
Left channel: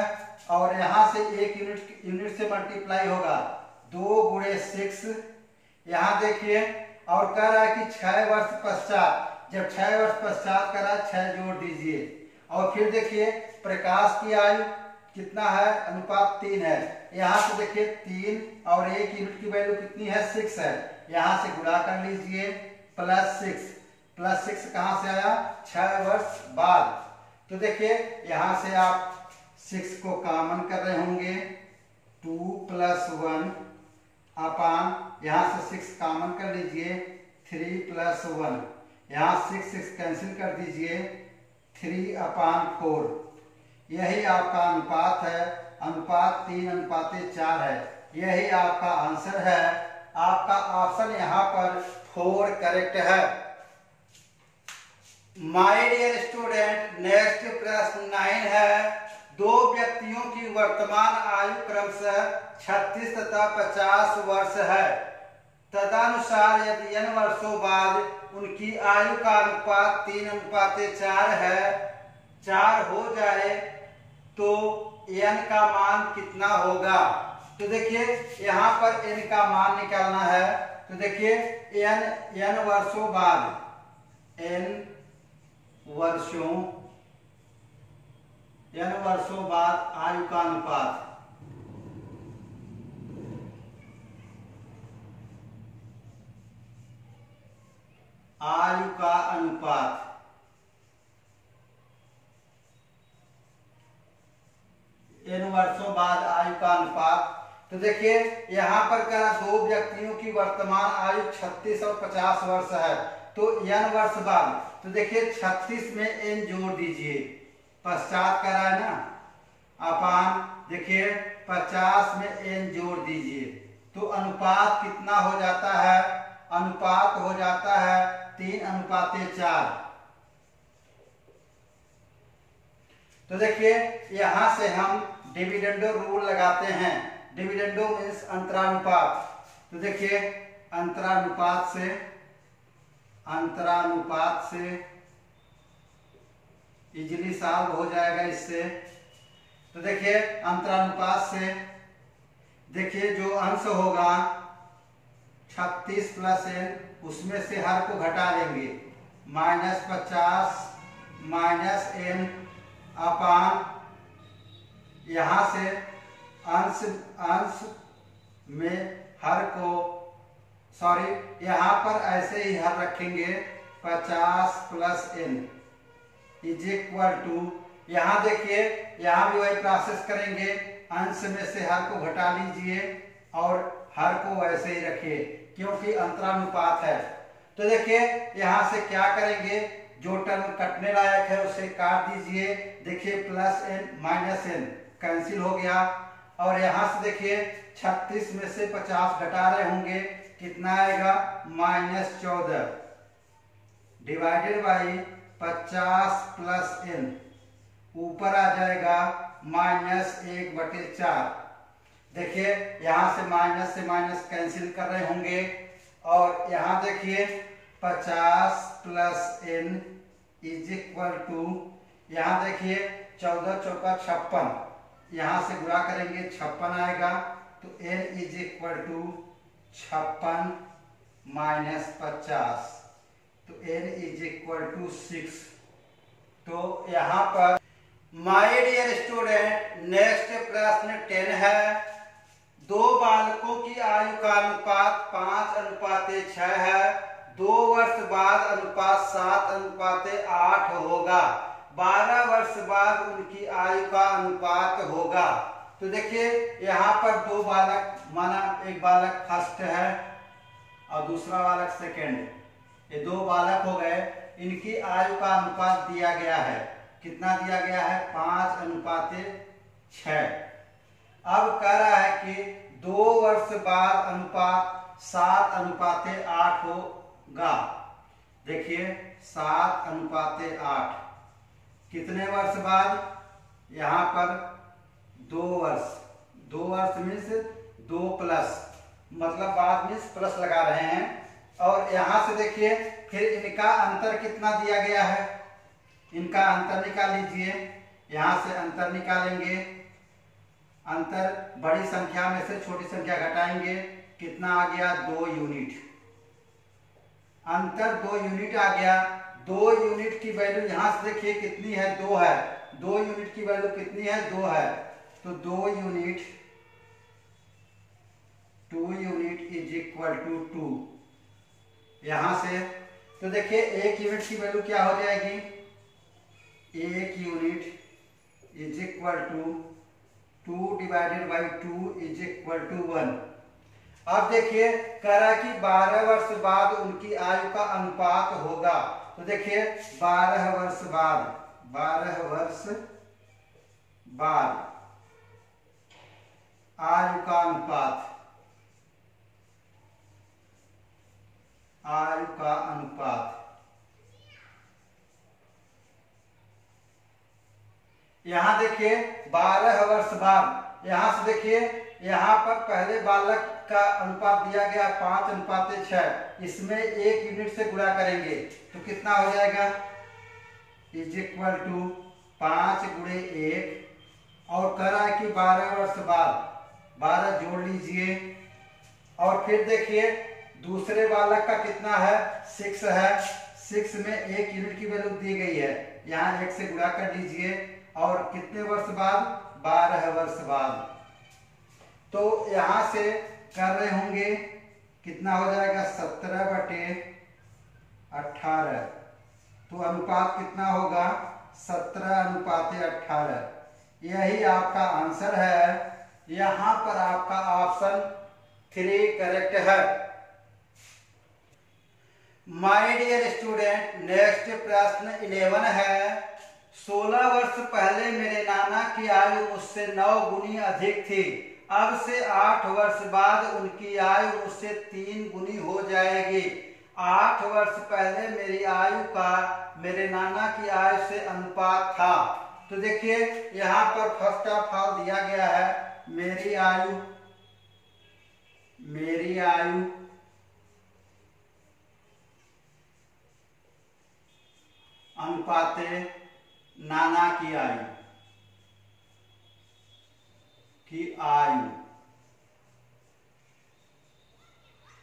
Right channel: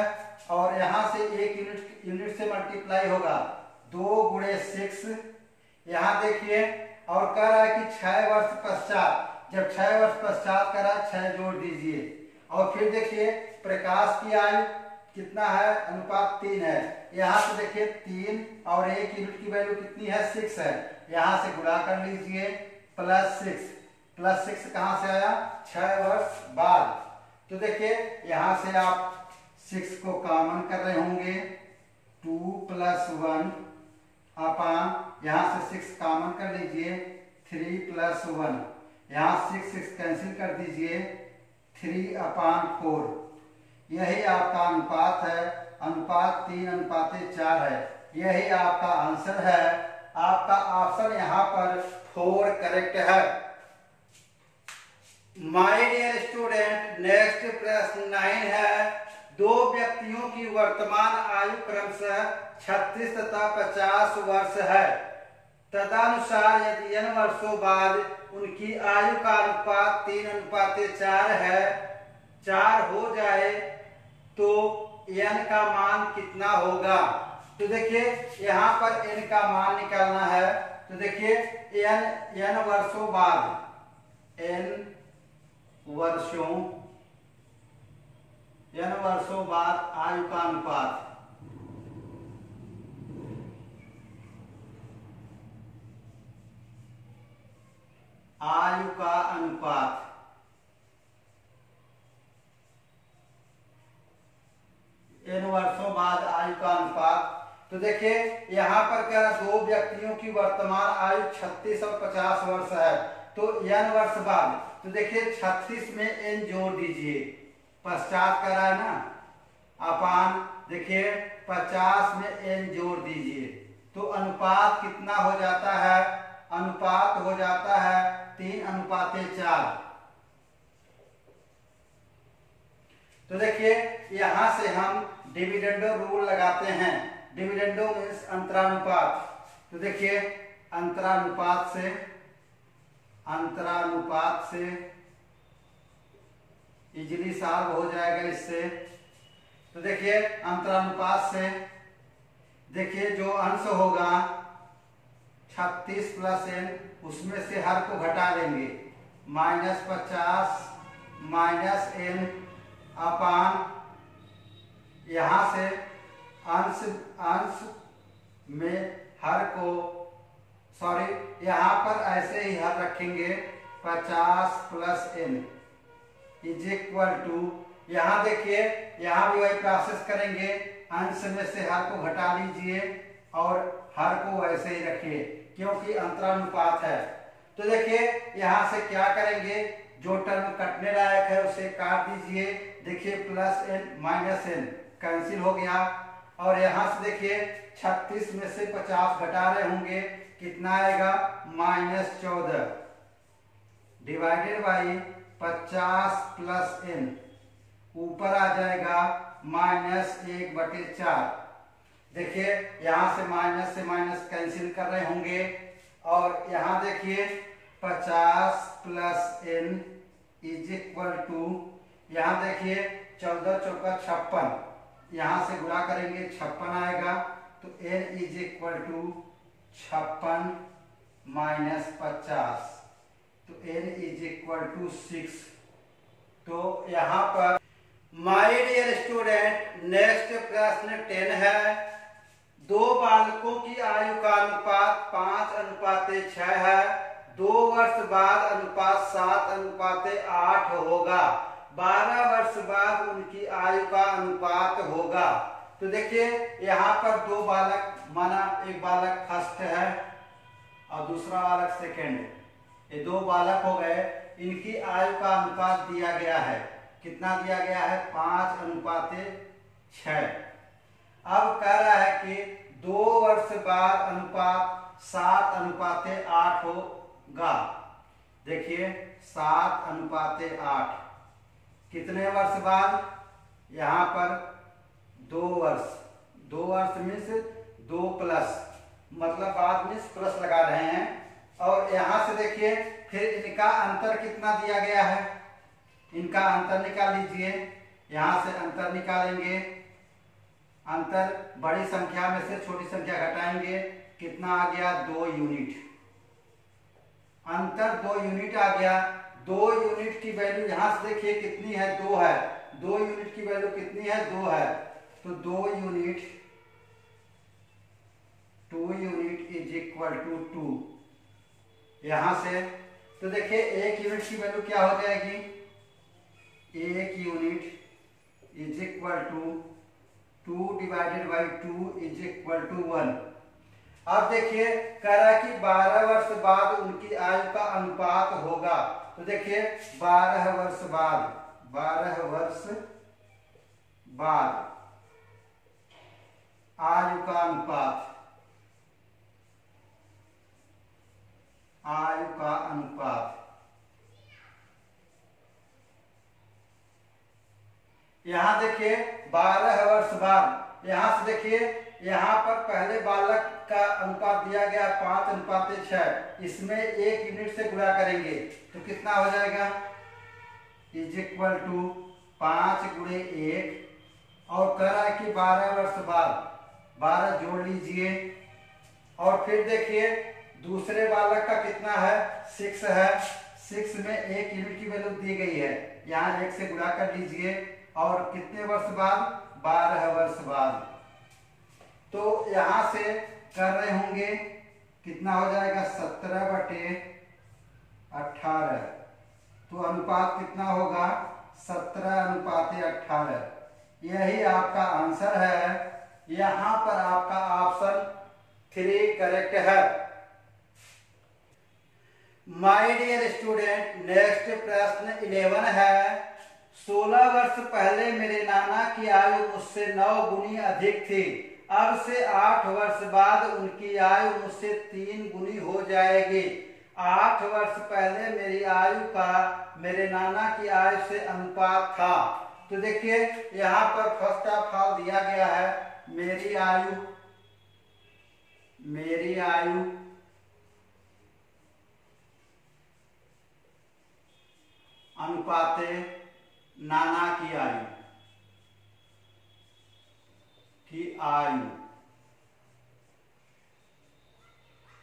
और यहां से 1 यूनिट से मल्टीप्लाई होगा, 2 गुणे 6। यहां देखिए और कह रहा है कि 6 वर्ष पश्चात, जब 6 वर्ष पश्चात करा 6 जोड़ दीजिए। और फिर देखिए प्रकाश की आयु कितना है? अनुपात 3 है। यहां से देखिए 3 और 1 यूनिट की वैल्यू कितनी है? 6 है। यहां से गुणा कर लीजिए, प्लस 6 कहां से आया? 6 वर्ष बाद। तो देखिए यहां से आप 6 को कॉमन कर रहे होंगे, 2 + 1 अपान, यहां से 6 कॉमन कर लीजिए, 3 + 1, यहां 6 कैंसिल कर दीजिए, 3/4। यही आपका अनुपात है। अनुपात 3:4 है। यही आपका आंसर है। आपका ऑप्शन यहाँ पर 4 करेक्ट है। माय डियर स्टूडेंट, नेक्स्ट प्रश्न 9 है। दो व्यक्तियों की वर्तमान आयु क्रमशः 36 तथा 50 वर्ष है। तदनुसार यदि n वर्षों बाद उनकी आयु का अनुपात 3:4 है, 4 हो जाए तो n का मान कितना होगा? तो देखिए यहाँ पर n का मान निकालना है। तो देखिए n वर्षों बाद, n वर्षों बाद आयु का अनुपात, आयु का अनुपात n वर्षों बाद आयु का अनुपात। तो देखिए यहाँ पर क्या, दो व्यक्तियों की वर्तमान आयु 36 और 50 वर्ष है। तो n वर्ष बाद, तो देखिए 36 में n जोड़ दीजिए, पश्चात कर रहा है ना, अपान देखिए 50 में n जोड़ दीजिए, तो अनुपात कितना हो जाता है? अनुपात हो जाता है 3:4। तो देखिए यहां से हम डिविडेंडो रूल लगाते हैं। डिविडेंडो मीन्स अंतरानुपात। तो देखिए अंतरानुपात से इजीली सॉल्व हो जाएगा इससे। तो देखिए अंतरानुपात से, देखिए जो अंश होगा 36 प्लस n, उसमें से हर को घटा देंगे, -50 -n अपान, यहां से अंश में हर को, सॉरी यहां पर ऐसे ही हर रखेंगे, 50 plus n is equal to, यहां देखिए यहां भी वही प्रोसेस करेंगे, अंश में से हर को घटा लीजिए और हर को वैसे ही रखिए क्योंकि अंतरानुपात है। तो देखिए यहां से क्या करेंगे, जो टर्म कटने लायक है उसे काट दीजिए। देखिए plus n minus n cancel हो गया, और यहां से देखिए 36 में से 50 घटा रहे होंगे, कितना आएगा? -14 डिवाइडेड बाई 50 प्लस n, ऊपर आ जाएगा -1/4। देखिए यहां से माइनस कैंसिल कर रहे होंगे, और यहां देखिए 50 plus n is equal to, यहां देखिए 14 चौका 56, यहां से गुणा करेंगे 56 आएगा, तो n is equal to 56 minus 50, तो n इज इक्वल टू 6। तो यहां पर माय डियर स्टूडेंट, नेक्स्ट प्रश्न 10 है। दो बालकों की आयु का अनुपात 5:6 है। 2 वर्ष बाद अनुपात 7:8 होगा। 12 वर्ष बाद उनकी आयु का अनुपात होगा। तो देखिए यहाँ पर दो बालक, माना एक बालक फर्स्ट है और दूसरा बालक सेकंड, ये दो बालक हो गए। इनकी आयु का अनुपात दिया गया है, कितना दिया गया है? 5:6। अब कह रहा है कि 2 वर्ष बाद अनुपात 7:8 होगा। देखिए 7:8 कितने वर्ष बाद? यहाँ पर 2 वर्ष, 2 वर्ष मीन्स 2 प्लस, मतलब बाद मीन्स प्लस लगा रहे हैं। और यहां से देखिए फिर इनका अंतर कितना दिया गया है, इनका अंतर निकाल लीजिए। यहां से अंतर निकालेंगे, अंतर बड़ी संख्या में से छोटी संख्या घटाएंगे, कितना आ गया? 2 यूनिट। अंतर 2 यूनिट आ गया। 2 यूनिट की वैल्यू यहां से देखिए कितनी है? 2 है। 2 यूनिट की वैल्यू कितनी है? 2 है। तो 2 यूनिट इज इक्वल टू 2। यहां से तो देखिए 1 यूनिट की वैल्यू क्या हो जाएगी? 1 unit is equal to 2 divided by 2 is equal to 1। अब देखिए कह रहा है कि 12 वर्ष बाद उनकी आयु का अनुपात होगा। तो देखिए 12 वर्ष बाद, 12 वर्ष बाद आयु का अनुपात, आयु का अनुपात। यहां देखिए 12 वर्ष बाद, यहां से देखिए यहां पर पहले बालक का अनुपात दिया गया 5:6, इसमें 1 यूनिट से गुणा करेंगे तो कितना हो जाएगा, इज इक्वल टू 5 गुणे 1, और कह रहा है कि 12 वर्ष बाद 12 जोड़ लीजिए, और फिर देखिए दूसरे बालक का कितना है, 6 है, 6 में 1 यूनिट की वैल्यू दी गई है, यहाँ 1 से गुणा कर लीजिए, और कितने वर्ष बाद, 12 वर्ष बाद। तो यहां से कर रहे होंगे कितना हो जाएगा, 17/18, तो अनुपात कितना होगा, 17:18। यही आपका आंसर है। यहां पर आपका ऑप्शन 3 करेक्ट है। माय डियर स्टूडेंट, नेक्स्ट प्रश्न 11 है। 16 वर्ष पहले मेरे नाना की आयु मुझसे 9 गुनी अधिक थी। अब से 8 वर्ष बाद उनकी आयु मुझसे 3 गुनी हो जाएगी। 8 वर्ष पहले मेरी आयु का मेरे नाना की आयु से अनुपात था। तो देखिए यहाँ पर फर्स्ट ऑफ ऑल दिया गया है मेरी आयु अनुपाते नाना की आयु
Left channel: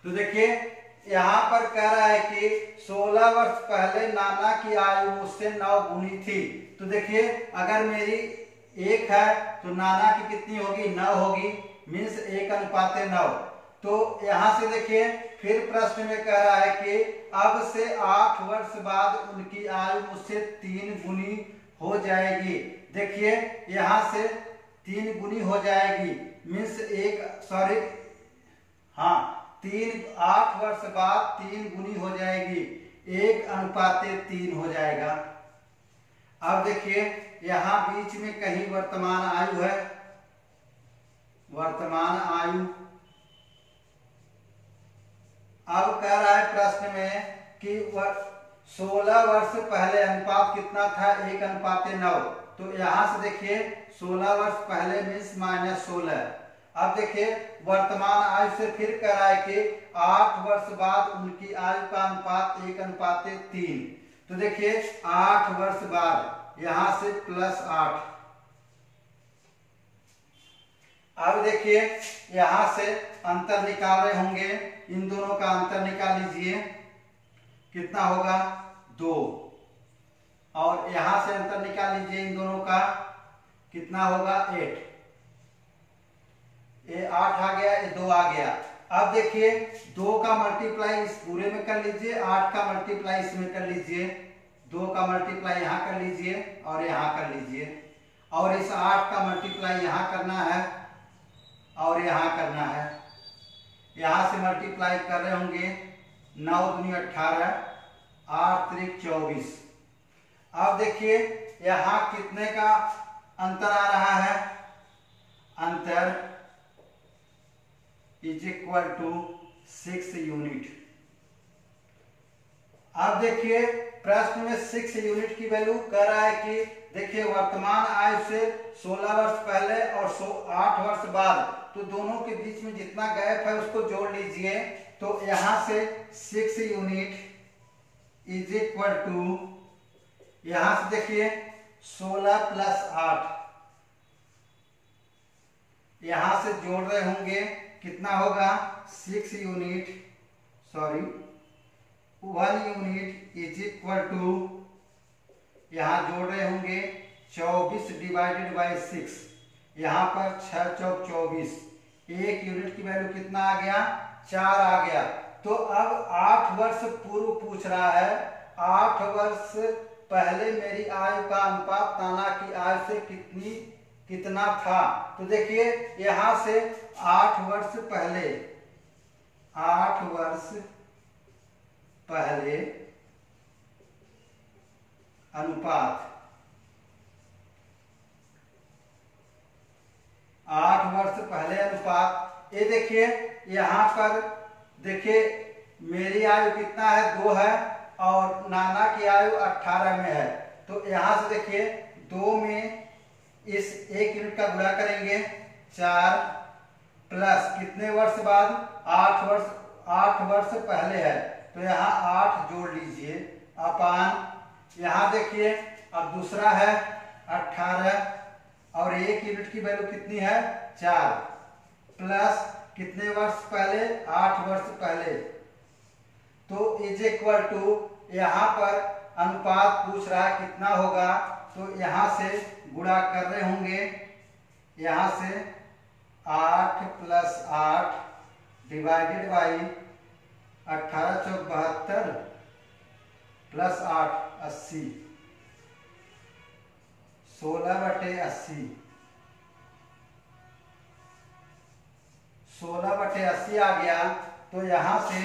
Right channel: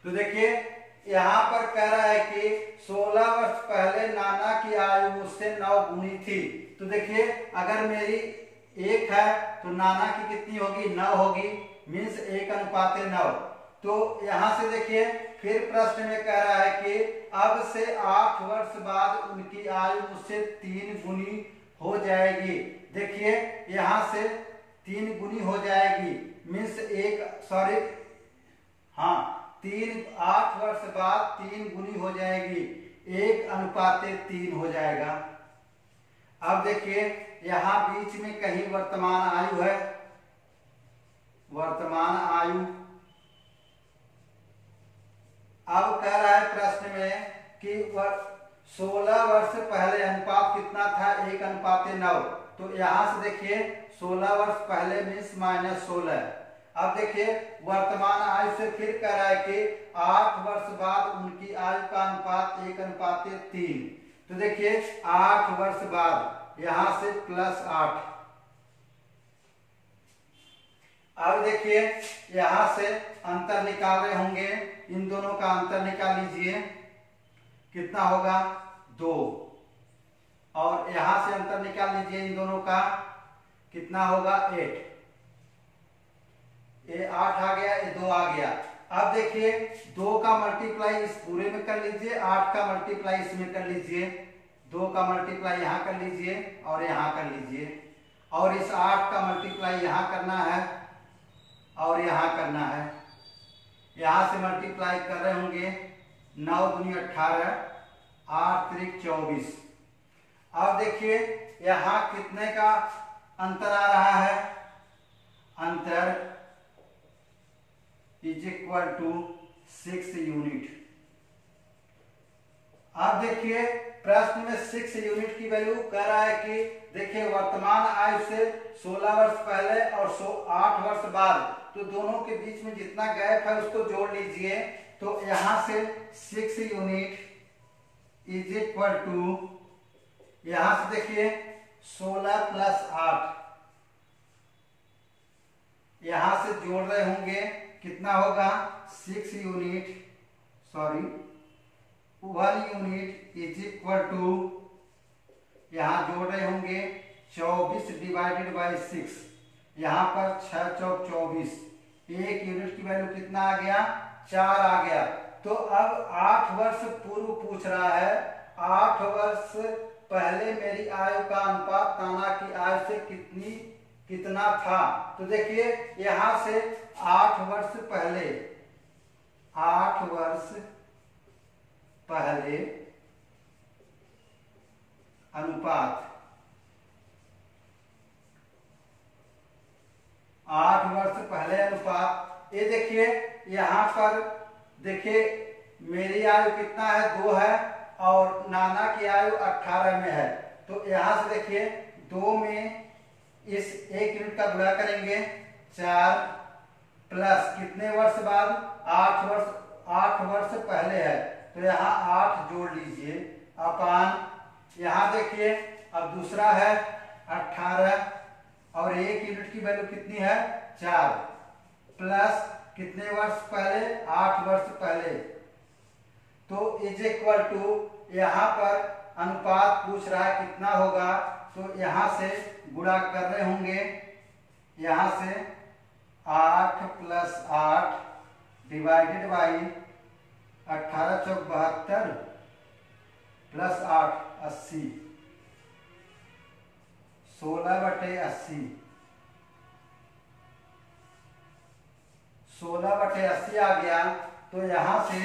तो देखिए यहां पर कह रहा है कि 16 वर्ष पहले नाना की आयु मुझसे 9 गुनी थी। तो देखिए अगर मेरी 1 है तो नाना की कितनी होगी, 9 होगी, मीन्स 1:9। तो यहां से देखिए फिर प्रश्न में कह रहा है कि अब से 8 वर्ष बाद उनकी आयु मुझसे 3 गुनी हो जाएगी। देखिए यहां से 3 गुनी हो जाएगी, मीन्स 8 वर्ष बाद 3 गुनी हो जाएगी, 1:3 हो जाएगा। अब देखिए यहां बीच में कहीं वर्तमान आयु है, वर्तमान आयु। अब कह रहा है प्रश्न में कि 16 वर्ष पहले अनुपात कितना था, 1:9। तो यहां से देखिए 16 वर्ष पहले मीन्स -16। अब देखिए वर्तमान आयु से फिर कह रहा है कि 8 वर्ष बाद उनकी आयु का अनुपात 1:3। तो देखिए 8 वर्ष बाद यहां से +8। अब देखिए यहां से अंतर निकाल रहे होंगे, इन दोनों का अंतर निकाल लीजिए, कितना होगा, 2, और यहां से अंतर निकाल लीजिए इन दोनों का, कितना होगा, 8। ये 8 आ गया, ये 2 आ गया। अब देखिए 2 का मल्टीप्लाई इस पूरे में कर लीजिए, 8 का मल्टीप्लाई इसमें कर लीजिए, 2 का मल्टीप्लाई यहां कर लीजिए और यहां कर लीजिए, और इस 8 का मल्टीप्लाई यहां करना है और यहां करना है। यहां से मल्टीप्लाई कर रहे होंगे, 9 दूनी 18, 8 त्रिक 24। अब देखिए यहां कितने का अंतर आ रहा है, अंतर इज इक्वल टू 6 यूनिट। अब देखिए प्रश्न में 6 यूनिट की वैल्यू कह रहा है कि देखिए वर्तमान आयु से 16 वर्ष पहले और 8 वर्ष बाद, तो दोनों के बीच में जितना गैप है उसको जोड़ लीजिए। तो यहां से 6 यूनिट इज इक्वल टू, यहां से देखिए 16 + 8, यहां से जोड़ रहे होंगे, कितना होगा, 1 यूनिट इज इक्वल टू, यहां जोड़ रहे होंगे 24/6, यहां पर 6 चौक 24, 1 यूनिट की वैल्यू कितना आ गया, 4 आ गया। तो अब 8 वर्ष पूर्व पूछ रहा है, 8 वर्ष पहले मेरी आयु का अनुपात नाना की आयु से कितना था। तो देखिए यहां से 8 वर्ष पहले अनुपात, 8 वर्ष पहले अनुपात, ये देखिए यहां पर देखिए मेरी आयु कितना है 2 है और नाना की आयु 18 में है। तो यहां से देखिए 2 में इस 1 यूनिट का गुणा करेंगे 4 प्लस कितने वर्ष बाद 8 वर्ष पहले है तो यहाँ 8 जोड़ लीजिए अपान यहाँ देखिए अब दूसरा है 18 और 1 यूनिट की वैल्यू कितनी है 4 प्लस कितने वर्ष पहले 8 वर्ष पहले। तो इज इक्वल टू यहाँ पर अनुपात पूछ रहा है कितना होगा तो यहाँ से गुणा कर रहे होंगे यहाँ से 8 + 8 डिवाइडेड बाई 18 × 4 + 8 80 16/80 16/80 आ गया। तो यहां से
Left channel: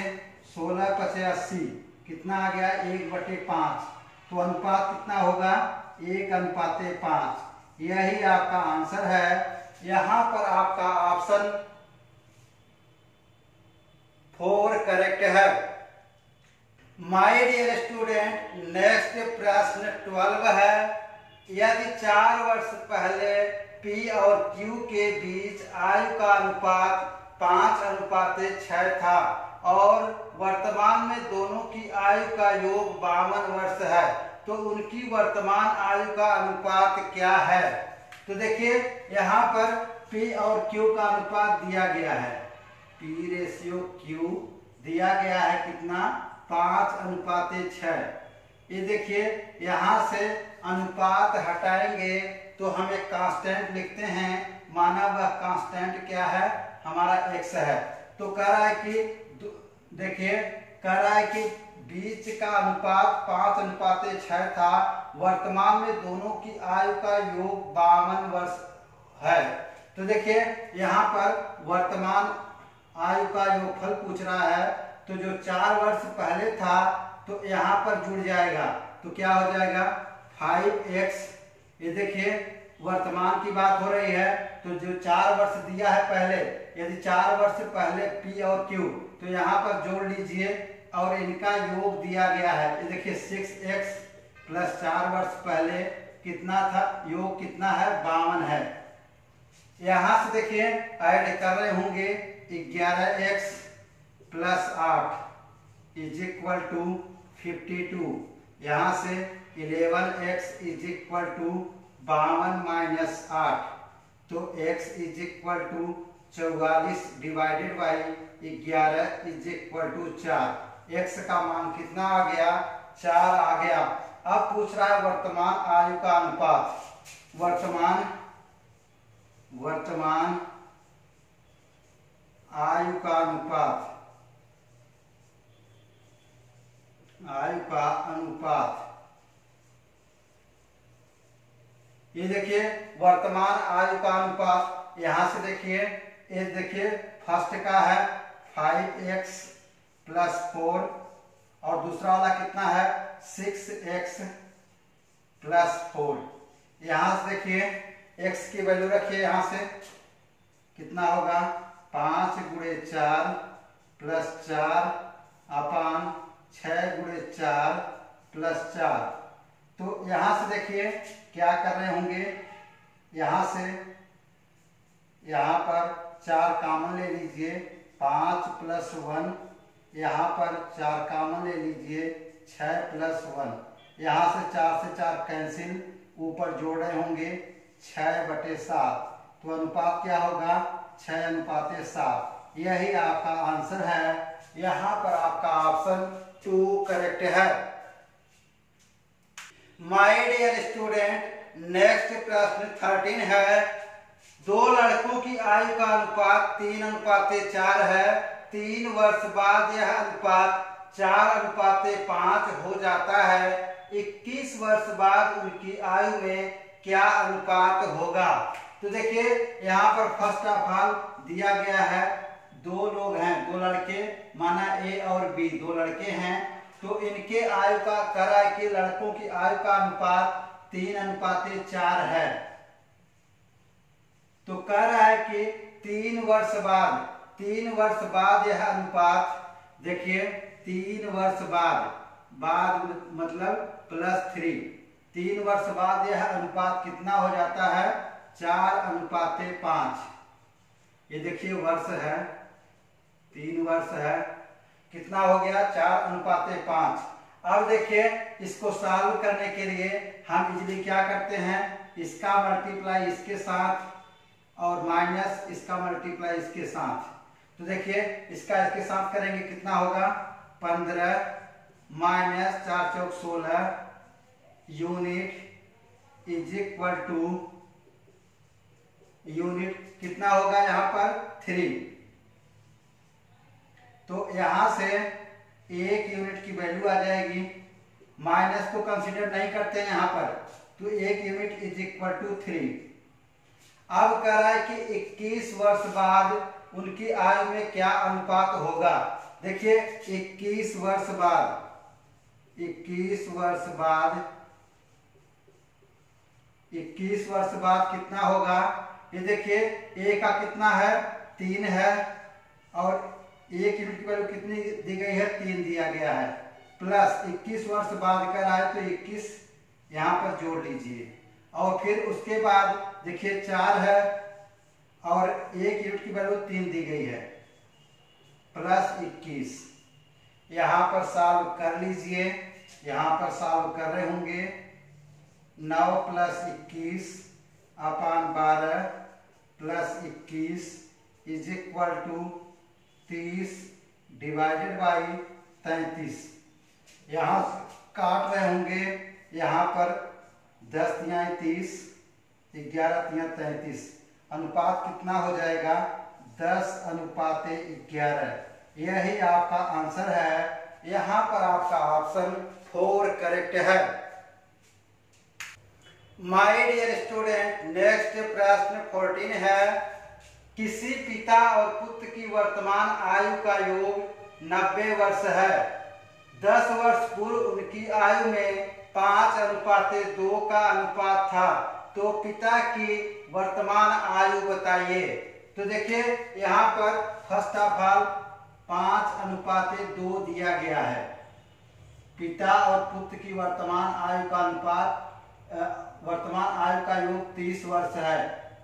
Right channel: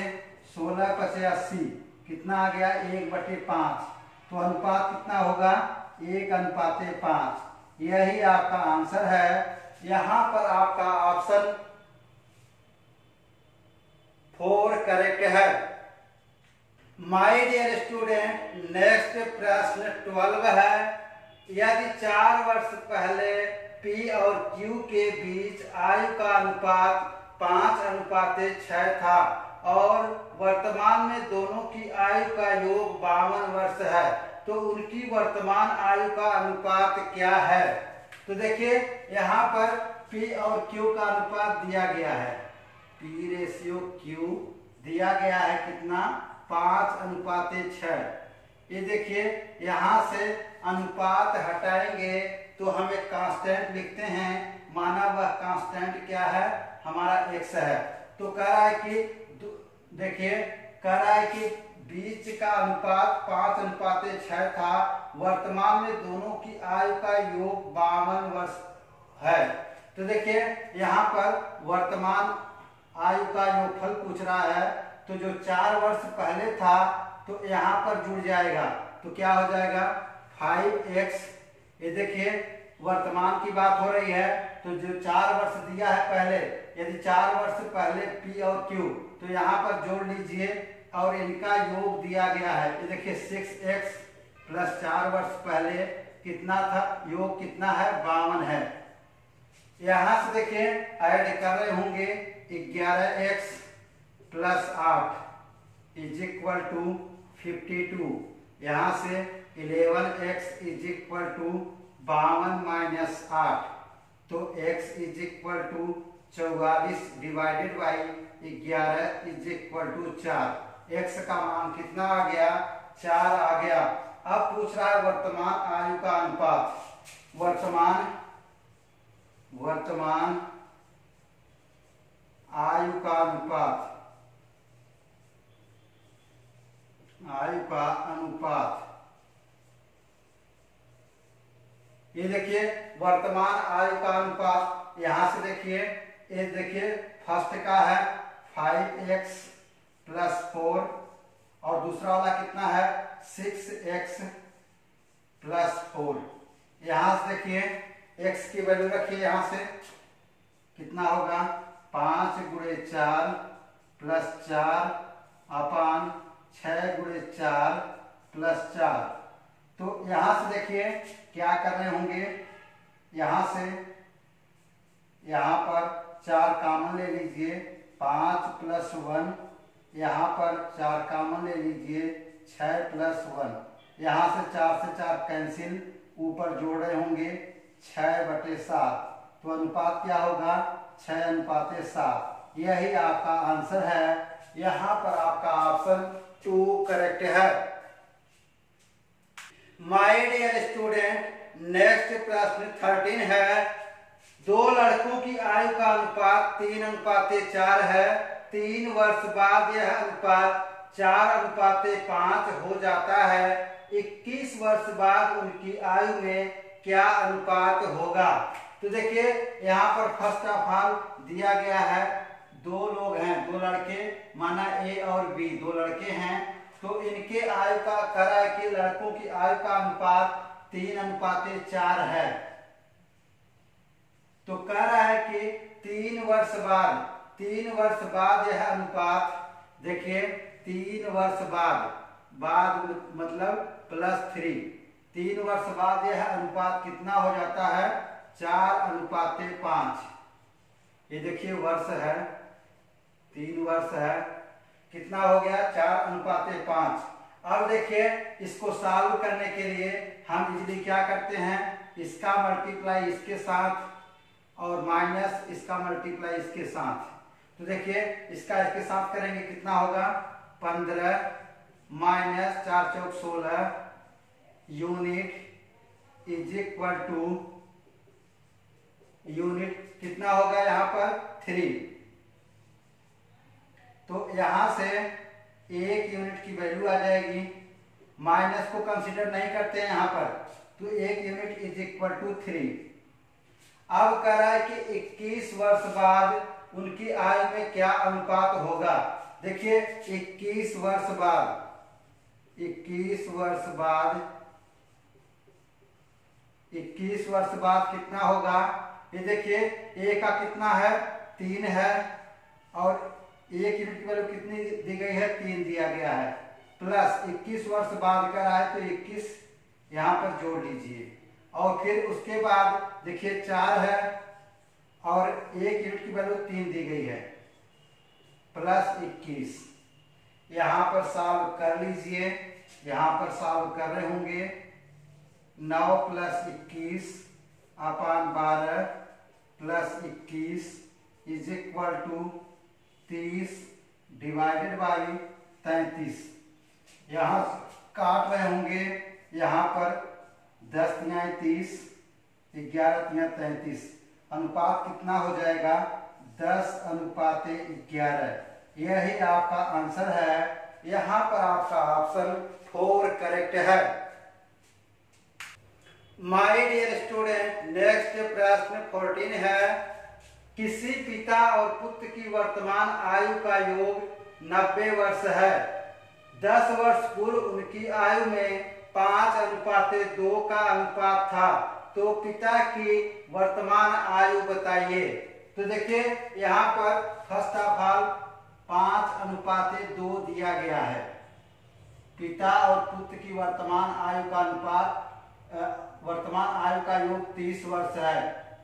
16/80 कितना आ गया 1/5 तो अनुपात कितना होगा 1:5। यही आपका आंसर है। यहां पर आपका ऑप्शन 4 करेक्ट है। माय डियर स्टूडेंट नेक्स्ट प्रश्न 12 है। यदि 4 वर्ष पहले P और Q के बीच आयु का अनुपात 5:6 था और वर्तमान में दोनों की आयु का योग 52 वर्ष है तो उनकी वर्तमान आयु का अनुपात क्या है। तो देखिए यहाँ पर P और Q का अनुपात दिया गया है P/Q दिया गया है कितना 5:6। ये देखिए यहाँ से अनुपात हटाएंगे तो हम एक कांस्टेंट लिखते हैं माना वह कांस्टेंट क्या है हमारा x है। तो कह रहा है कि देखिए कह रहा है कि बीच का अनुपात 5:6 था वर्तमान में दोनों की आयु का योग 52 वर्ष है। तो देखिए यहाँ पर वर्तमान आयु का योगफल पूछ रहा है तो जो 4 वर्ष पहले था तो यहाँ पर जुड़ जाएगा तो क्या हो जाएगा 5x। ये देखिए वर्तमान की बात हो रही है तो जो 4 वर्ष दिया है पहले यदि 4 वर्ष पहले P और Q तो यहाँ पर जोड़ लीजिए और इनका योग दिया गया है। ये देखिए 6x + 4 वर्ष पहले कितना था योग कितना है 52 है। यहाँ से देखिए ऐड कर रहे होंगे 11x + 8 = 52। यहाँ से 11x = 52 - 8 तो x = 44 डिवाइडेड बाई 11 = 4। x का मान कितना आ गया 4 आ गया। अब पूछ रहा है वर्तमान आयु का अनुपात। वर्तमान आयु का अनुपात ये देखिए वर्तमान आयु का अनुपात यहाँ से देखिए ये देखिए फर्स्ट का है 5x + 4 और दूसरा वाला कितना है 6x + 4। यहाँ से देखिए x की वैल्यू रखिए यहाँ से कितना होगा 5 × 4 + 4 अपान 6 × 4 + 4। तो यहाँ से देखिए क्या कर रहे होंगे यहाँ से यहाँ पर 4 कॉमन ले लीजिए 5 + 1 यहाँ पर 4 कॉमन ले लीजिए 6 + 1 यहाँ से 4 से 4 कैंसिल ऊपर जोड़ रहे होंगे 6/7 तो अनुपात क्या होगा 6:7। यही आपका आंसर है। यहाँ पर आपका ऑप्शन 2 करेक्ट है। माय डियर स्टूडेंट नेक्स्ट प्रश्न 13 है। 2 लड़कों की आयु का अनुपात 3:4 है। 3 वर्ष बाद यह अनुपात 4:5 हो जाता है। 21 वर्ष बाद उनकी आयु में क्या अनुपात होगा। तो देखिए यहाँ पर फर्स्ट ऑफ ऑल दिया गया है 2 लोग हैं 2 लड़के माना A और B 2 लड़के हैं तो इनके आयु का कह रहा है कि लड़कों की आयु का अनुपात 3:4 है। तो कह रहा है कि 3 वर्ष बाद यह अनुपात देखिए 3 वर्ष बाद, बाद मतलब +3, 3 वर्ष बाद यह अनुपात कितना हो जाता है 4:5। ये देखिए वर्ष है, 3 वर्ष है, कितना हो गया 4:5। अब देखिए इसको सॉल्व करने के लिए हम इजली क्या करते हैं, इसका मल्टीप्लाई इसके साथ और माइनस इसका मल्टीप्लाई इसके साथ। तो देखिए इसका इसके साथ करेंगे कितना होगा 15 - 4 × 4 = 16 unit is equal to, unit कितना होगा यहाँ पर 3। तो यहां से 1 यूनिट की वैल्यू आ जाएगी, माइनस को कंसीडर नहीं करते हैं यहाँ पर, तो 1 यूनिट इज इक्वल टू 3। अब कह रहा है कि 21 वर्ष बाद उनकी आयु में क्या अनुपात होगा। देखिए 21 वर्ष बाद, 21 वर्ष बाद, 21 वर्ष बाद कितना होगा, ये देखिए ए का कितना है 3 है और 1 यूनिट की वैल्यू कितनी दी गई है 3 दिया गया है, प्लस 21 वर्ष बाद का रहा है तो 21 यहां पर जोड़ लीजिए। और फिर उसके बाद देखिए 4 है और 1 यूनिट की वैल्यू 3 दी गई है, प्लस 21। यहां पर सॉल्व कर लीजिए, यहां पर सॉल्व कर रहे होंगे 9 + 21/12 + 21 is equal to 30 divided by 33। यहां काट रहे होंगे, यहां पर 10 × 30, 11 × 33, अनुपात कितना हो जाएगा 10:11। यही आपका आंसर है, यहां पर आपका ऑप्शन 4 करेक्ट है। माय डियर स्टूडेंट, नेक्स्ट प्रश्न 14 है, किसी पिता और पुत्र की वर्तमान आयु का योग 90 वर्ष है। 10 वर्ष पूर्व उनकी आयु में 5:2 का अनुपात था, तो पिता की वर्तमान आयु बताइए। तो देखिए यहाँ पर फर्स्ट ऑफ ऑल 5:2 दिया गया है। पिता और पुत्र की वर्तमान आयु का अनुपात, वर्तमान आयु का योग 30 वर्ष है।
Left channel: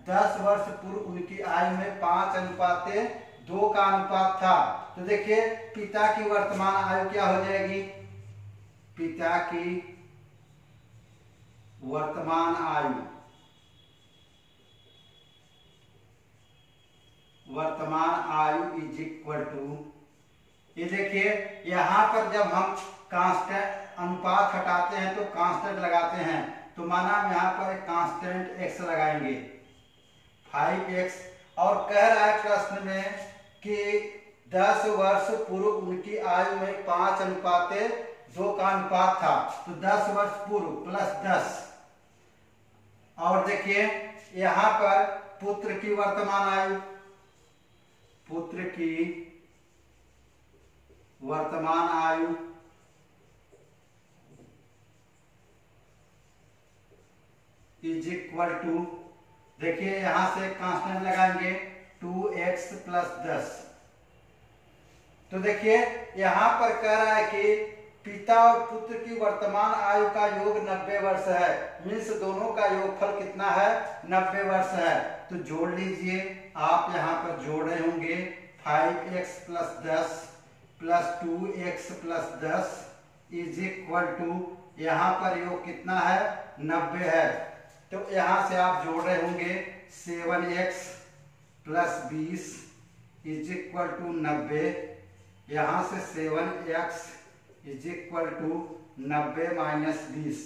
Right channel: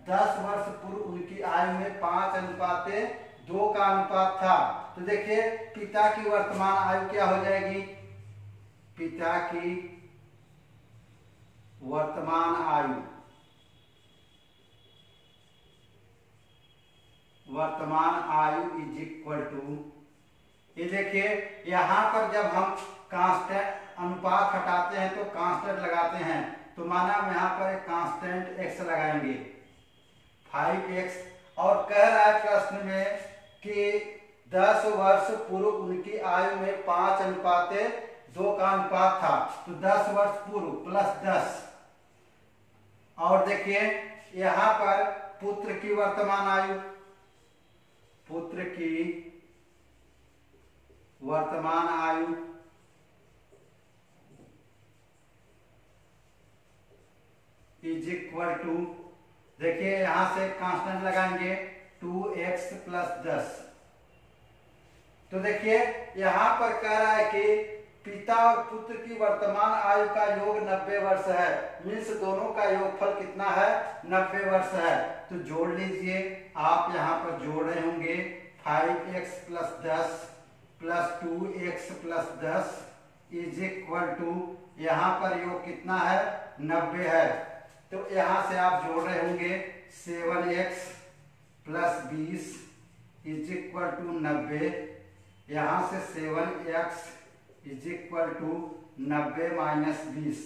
10 वर्ष पूर्व उनकी आयु में 5:2 का अनुपात था। तो देखिए पिता की वर्तमान आयु क्या हो जाएगी, पिता की वर्तमान आयु, वर्तमान आयु इज इक्वल टू, ये देखिए यहां पर जब हम कांस्टेंट अनुपात हटाते हैं तो कांस्टेंट लगाते हैं, तो माना हम यहां पर एक कांस्टेंट x लगाएंगे 5x, और कह रहा है प्रश्न में कि 10 वर्ष पूर्व उनकी आयु में 5:2 का अनुपात था, तो 10 वर्ष पूर्व प्लस 10। और देखिए यहां पर पुत्र की वर्तमान आयु, पुत्र की वर्तमान आयु इज इक्वल टू, देखिए यहां से कांस्टेंट लगाएंगे 2x + 10। तो देखिए यहां पर कह रहा है कि पिता और पुत्र की वर्तमान आयु का योग 90 वर्ष है, मीन्स दोनों का योगफल कितना है 90 वर्ष है। तो जोड़ लीजिए, आप यहां पर जोड़ रहे होंगे 5x + 10 + 2x + 10 is equal to, यहां पर योग कितना है 90 है। तो यहां से आप जोड़ रहे होंगे 7x + 20 इज इक्वल टू 90। यहां से 7x इज इक्वल टू 90 - 20,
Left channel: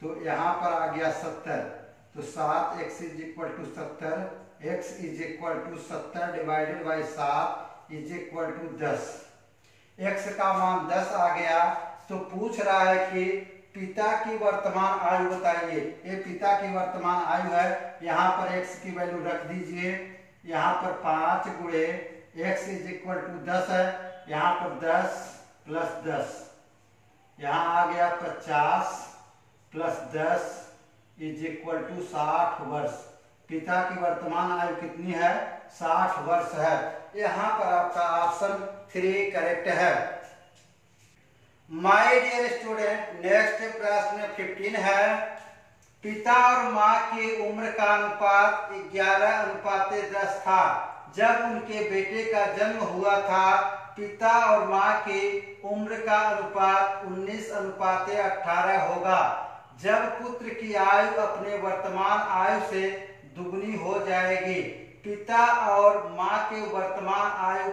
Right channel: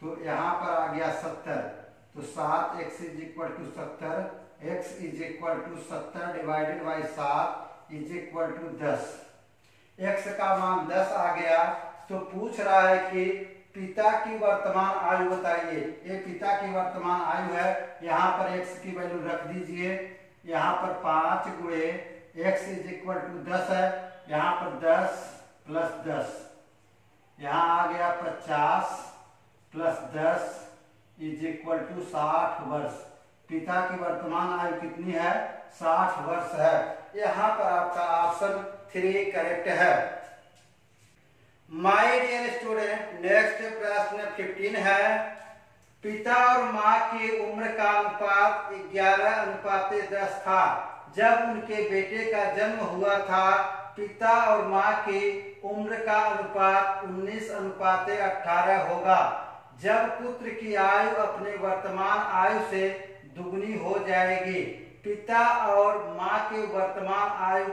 तो यहां पर आ गया 70। तो 7x is equal to 70, x is equal to 70 divided by 7 is equal to 10। x का मान 10 आ गया। तो पूछ रहा है कि पिता की वर्तमान आयु बताइए। ये पिता की वर्तमान आयु है, यहाँ पर x की वैल्यू रख दीजिए, यहाँ पर 5 × x इज इक्वल टू 10 है, यहाँ पर 10 + 10, यहाँ आ गया 50 + 10 इज इक्वल टू 60 वर्ष। पिता की वर्तमान आयु कितनी है? 60 वर्ष है। यहाँ पर आपका ऑप्शन 3 करेक्ट है। माय डियर स्टूडेंट, नेक्स्ट प्रश्न 15 है। पिता और माँ की उम्र का अनुपात 11:10 था। जब उनके बेटे का जन्म हुआ था, पिता और माँ की उम्र का अनुपात 19:18 होगा। जब पुत्र की आयु अपने वर्तमान आयु से दुगनी हो जाएगी, पिता और माँ के वर्तमान आयु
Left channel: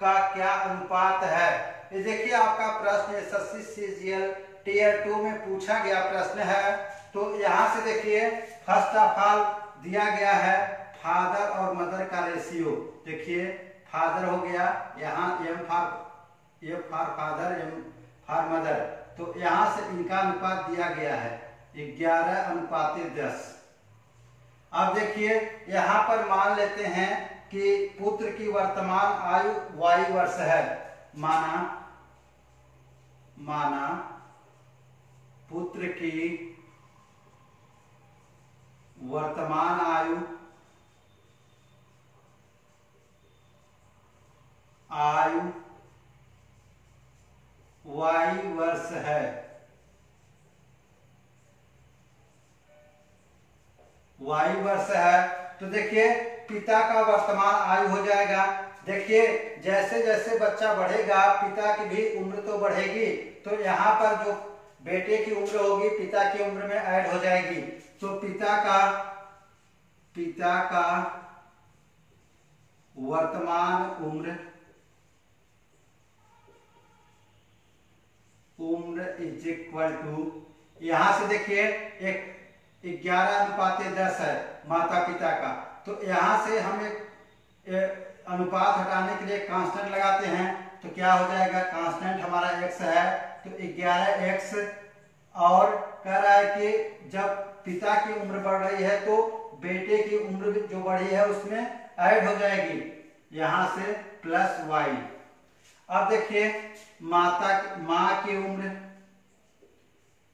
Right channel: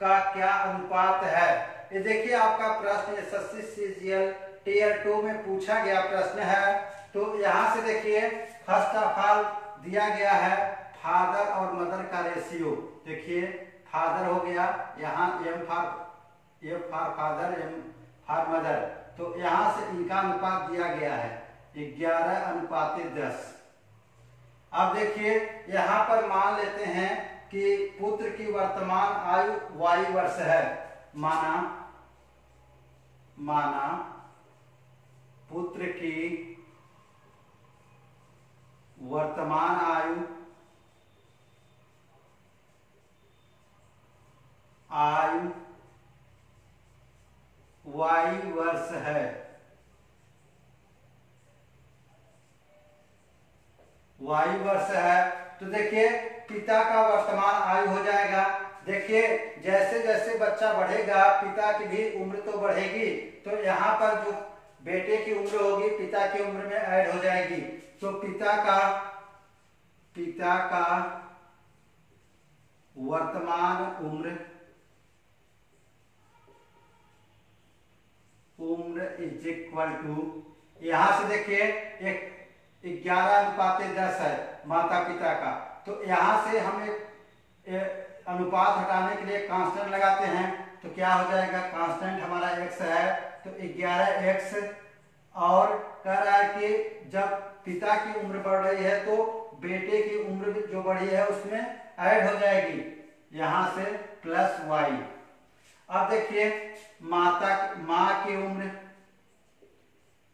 का क्या अनुपात है? ये देखिए आपका प्रश्न एसएससी सीजीएल टियर 2 में पूछा गया प्रश्न है। तो यहाँ से देखिए फर्स्ट ऑफ ऑल दिया गया है फादर और मदर का रेशियो। देखिए फादर हो गया, यहाँ F for father, M for mother. तो यहाँ से इनका अनुपात दिया गया है 11:10। अब देखिए यहाँ पर मान लेते हैं कि पुत्र की वर्तमान आयु y वर्ष है। माना पुत्र की वर्तमान आयु y वर्ष है। y वर्ष है तो देखिए पिता का वर्तमान आयु हो जाएगा। देखिए जैसे जैसे बच्चा बढ़ेगा पिता की भी उम्र तो बढ़ेगी, तो यहाँ पर जो बेटे की उम्र होगी पिता की उम्र में ऐड हो जाएगी। तो पिता का वर्तमान उम्र इज इक्वल टू, यहां से देखिए एक 11:10 है माता पिता का। तो यहां से हम एक अनुपात हटाने के लिए कांस्टेंट लगाते हैं। तो क्या हो जाएगा? कांस्टेंट हमारा x है तो 11x, और कह रहा है कि जब पिता की उम्र बढ़ रही है तो बेटे की उम्र भी जो बढ़ी है उसमें ऐड हो जाएगी, यहां से प्लस y। अब देखिए माँ की उम्र,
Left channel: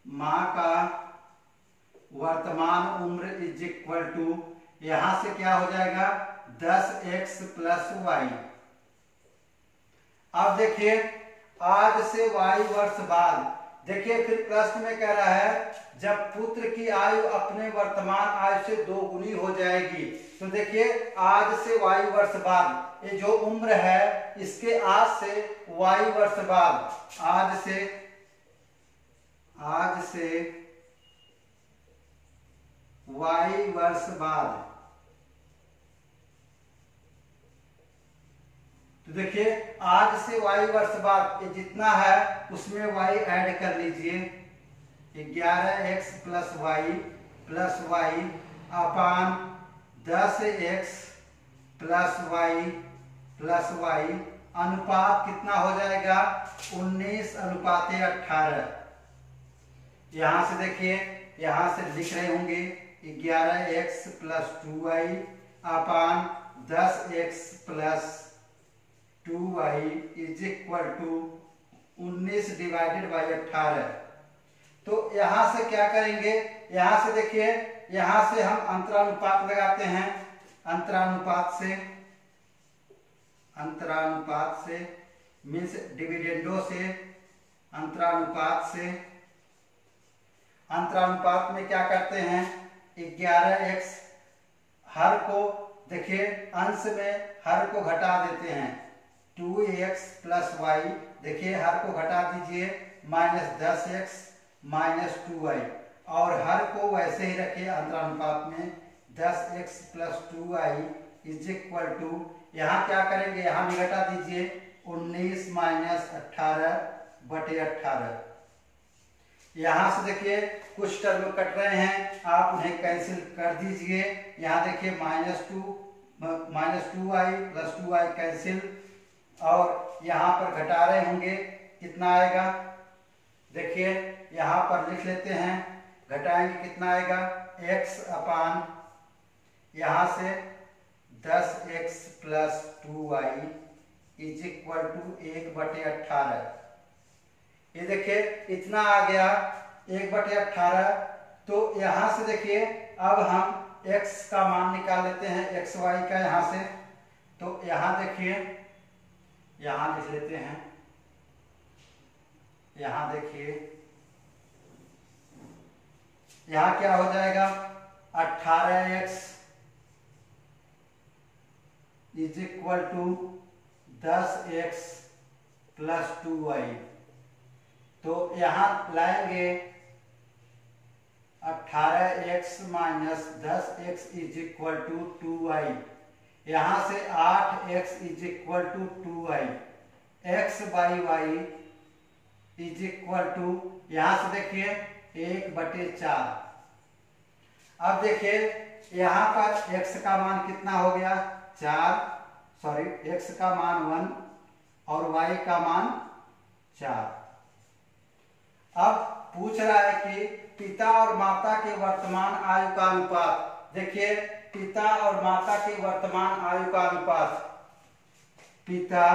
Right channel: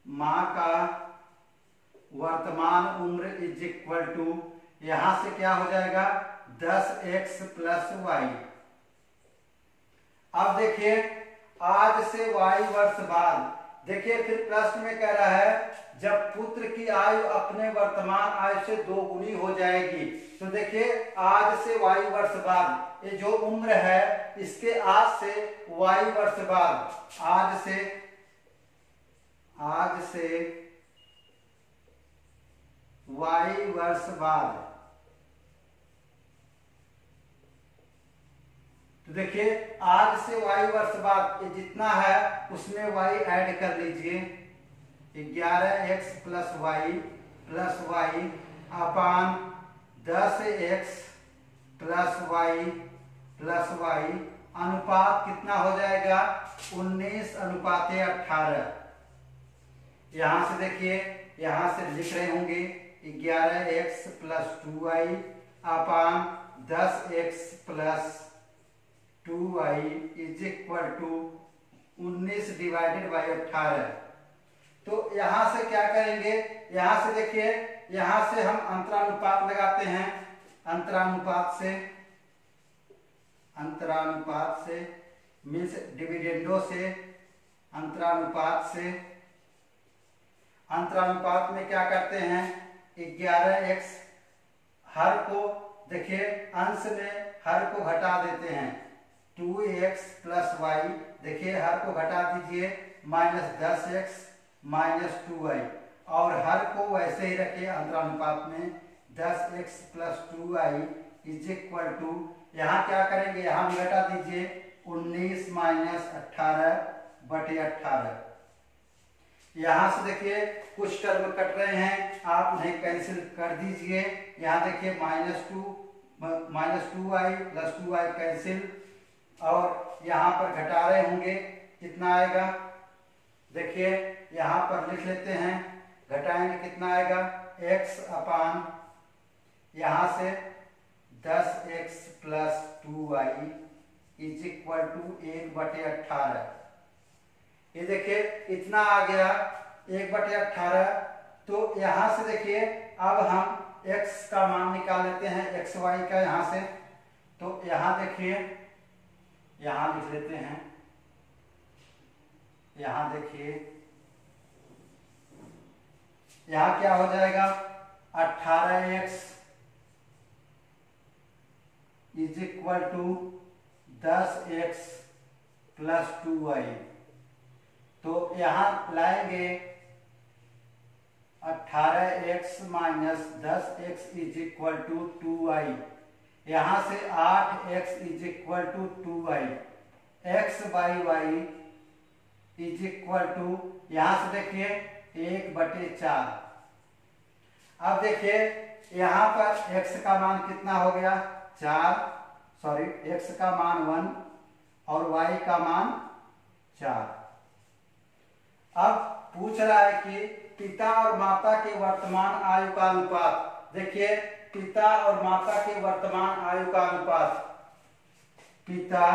माँ का वर्तमान उम्र इज इक्वल टू, यहां से क्या हो जाएगा? 10x plus y। अब देखिए आज से y वर्ष बाद, देखिए फिर प्रश्न में कह रहा है जब पुत्र की आयु अपने वर्तमान आयु से 2 गुनी हो जाएगी। तो देखिए आज से y वर्ष बाद, ये जो उम्र है इसके आज से y वर्ष बाद, आज से y वर्ष बाद, तो देखिए आज से y वर्ष बाद ये जितना है उसमें y ऐड कर लीजिए। 11x प्लस y अपान 10x प्लस y अनुपात कितना हो जाएगा? 19:18। यहां से देखिए यहां से लिख रहे होंगे 11x plus 2y upon 10x plus 2y is equal to 19/18। तो यहां से क्या करेंगे? यहां से देखिए यहां से हम अंतरानुपात लगाते हैं। अंतरानुपात से मीन्स डिविडेंडो से, अंतरानुपात में क्या करते हैं? 11x, हर को देखिए अंश में हर को घटा देते हैं। 2x प्लस y, देखिए हर को घटा दीजिए, माइनस 10x माइनस 2y, और हर को वैसे ही रखिए अंतरानुपात में 10x plus 2y is equal to, यहाँ क्या करेंगे? यहाँ भी घटा दीजिए 19 माइनस 18/18। यहाँ से देखिए कुछ टर्म कट रहे हैं, आप उन्हें कैंसिल कर दीजिए। यहाँ देखिए minus 2y plus 2y cancel, और यहाँ पर घटा रहे होंगे, कितना आएगा? देखिए यहाँ पर लिख लेते हैं, घटाएंगे कितना आएगा? x अपान यहाँ से 10x plus 2y is equal to 1/18। ये देखिए इतना आ गया 1/18। तो यहां से देखिए अब हम x का मान निकाल लेते हैं, एक्स वाई का यहां से। तो यहां देखिए, यहां लिख लेते हैं, यहां देखिए, यहां क्या हो जाएगा, 18x is equal to 10x plus 2y। तो यहां लाएंगे 18x minus 10x is equal to 2y। यहां से 8x is equal to 2y। x by y is equal to, यहां से देखिए 1/4। अब देखिए यहां पर x का मान कितना हो गया, 4, सॉरी x का मान 1 और y का मान 4। अब पूछ रहा है कि पिता और माता के वर्तमान आयु का अनुपात। देखिए पिता और माता के वर्तमान आयु का अनुपात, पिता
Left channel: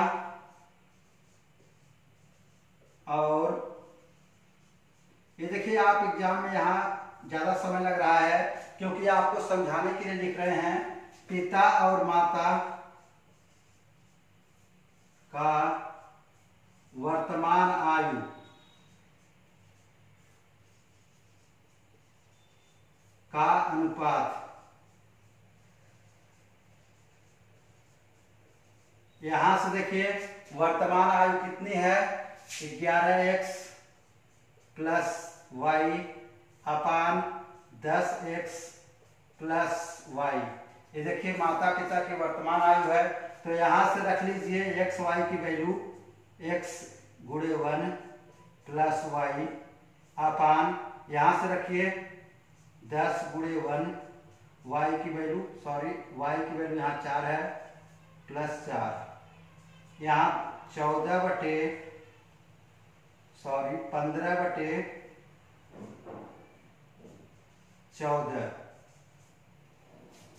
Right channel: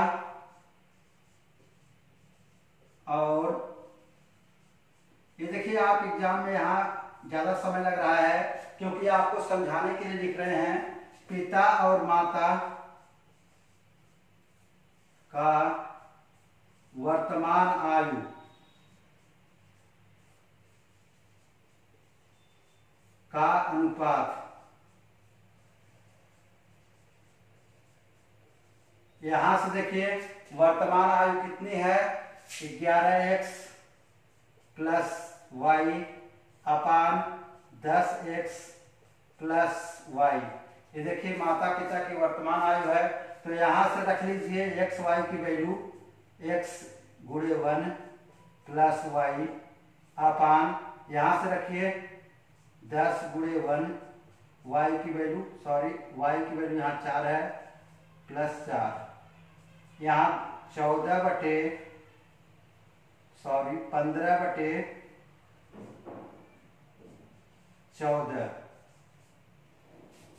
और, ये देखिए आप एग्जाम में यहां ज्यादा समय लग रहा है क्योंकि आपको समझाने के लिए लिख रहे हैं, पिता और माता का वर्तमान आयु का अनुपात। यहां से देखिए वर्तमान आयु कितनी है, 11x प्लस वाई अपान 10x प्लस वाई। ये देखिए माता पिता की वर्तमान आयु है। तो यहां से रख लीजिए एक्स वाई की वैल्यू, x गुणे 1 प्लस वाई अपान, यहां से रखिए 10 गुणे 1, y की वैल्यू, सॉरी y की वैल्यू यहाँ 4 है, प्लस 4, यहाँ 15/14।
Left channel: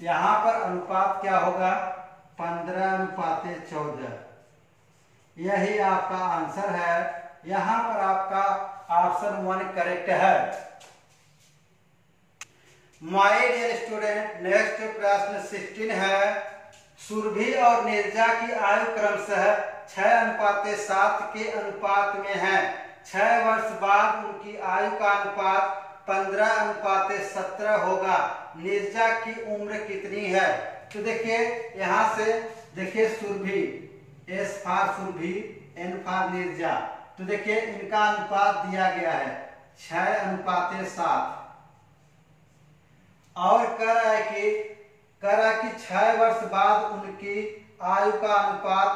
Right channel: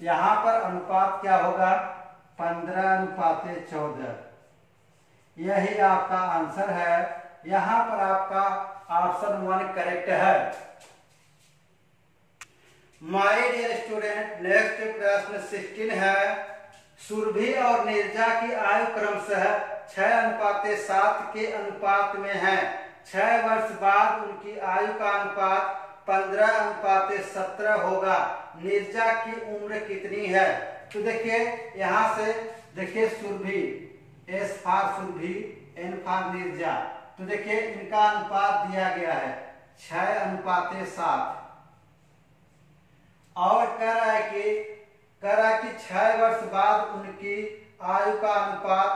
यहाँ पर अनुपात क्या होगा, 15/14। यही आपका आंसर है। यहाँ पर आपका ऑप्शन 1 करेक्ट है। माय डियर स्टूडेंट, नेक्स्ट प्रश्न 16 है। सुरभि और नीरजा की आयु क्रमशः 6:7 के अनुपात में है। 6 वर्ष बाद उनकी आयु का अनुपात 15:17 होगा। नीरजा की उम्र कितनी है? तो देखिए यहां से देखिए Surabhi, S for Surabhi, N for Neeraja. तो देखिए इनका अनुपात दिया गया है 6:7 और कह रहा है कि 6 वर्ष बाद उनकी आयु का अनुपात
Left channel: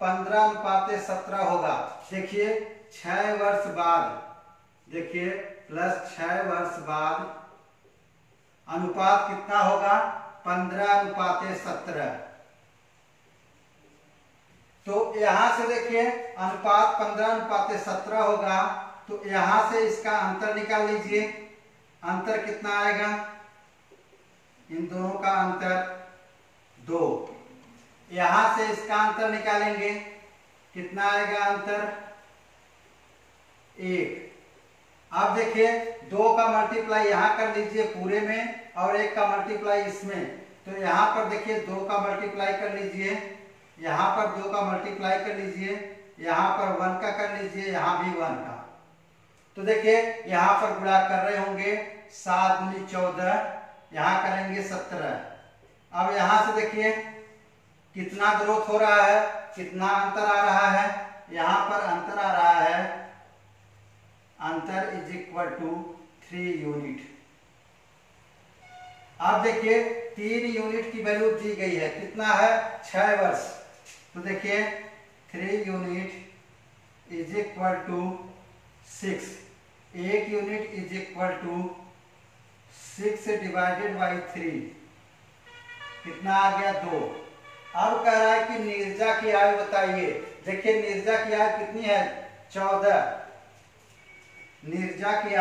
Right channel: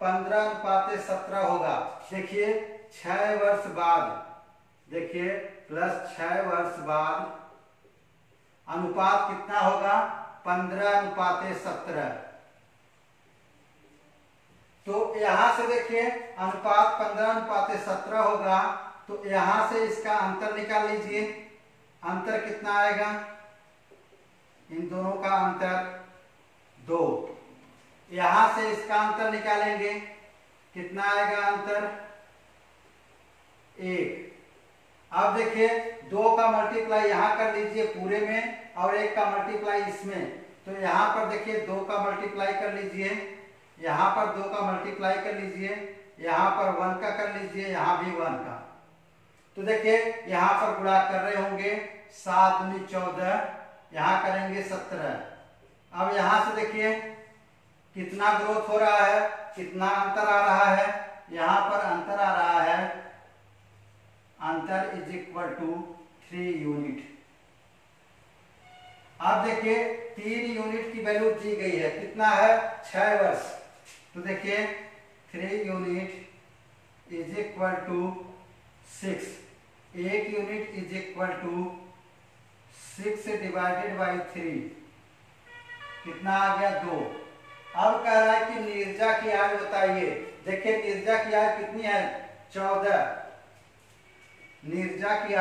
15:17 होगा। देखिए 6 वर्ष बाद, देखिए प्लस 6 वर्ष बाद अनुपात कितना होगा, 15:17। तो यहां से देखिए अनुपात 15:17 होगा। तो यहां से इसका अंतर निकाल लीजिए। अंतर कितना आएगा, इन दोनों का अंतर 2। यहां से इसका अंतर निकालेंगे, कितना आएगा अंतर, 1। अब देखिए 2 का मल्टीप्लाई यहां कर लीजिए पूरे में और 1 का मल्टीप्लाई इसमें। तो यहां पर देखिए 2 का मल्टीप्लाई कर लीजिए, यहां पर 2 का मल्टीप्लाई कर लीजिए, यहां पर 1 का कर लीजिए, यहां भी 1 का। तो देखिए यहां पर गुणा कर रहे होंगे, 7 दूनी 14, यहां करेंगे 17। अब यहां से देखिए कितना ग्रोथ हो रहा है, कितना अंतर आ रहा है, यहां पर अंतर आ रहा है, अंतर इज इक्वल टू 3 यूनिट। अब देखिए 3 यूनिट की वैल्यू दी गई है, कितना है, 6 वर्ष। तो देखिए 3 unit is equal to 6। 1 unit is equal to 6 divided by 3, कितना आ गया, 2। अब कह रहा है कि नीरजा की आयु बताइए। देखिए नीरजा की आयु कितनी है, 14। नीरजा की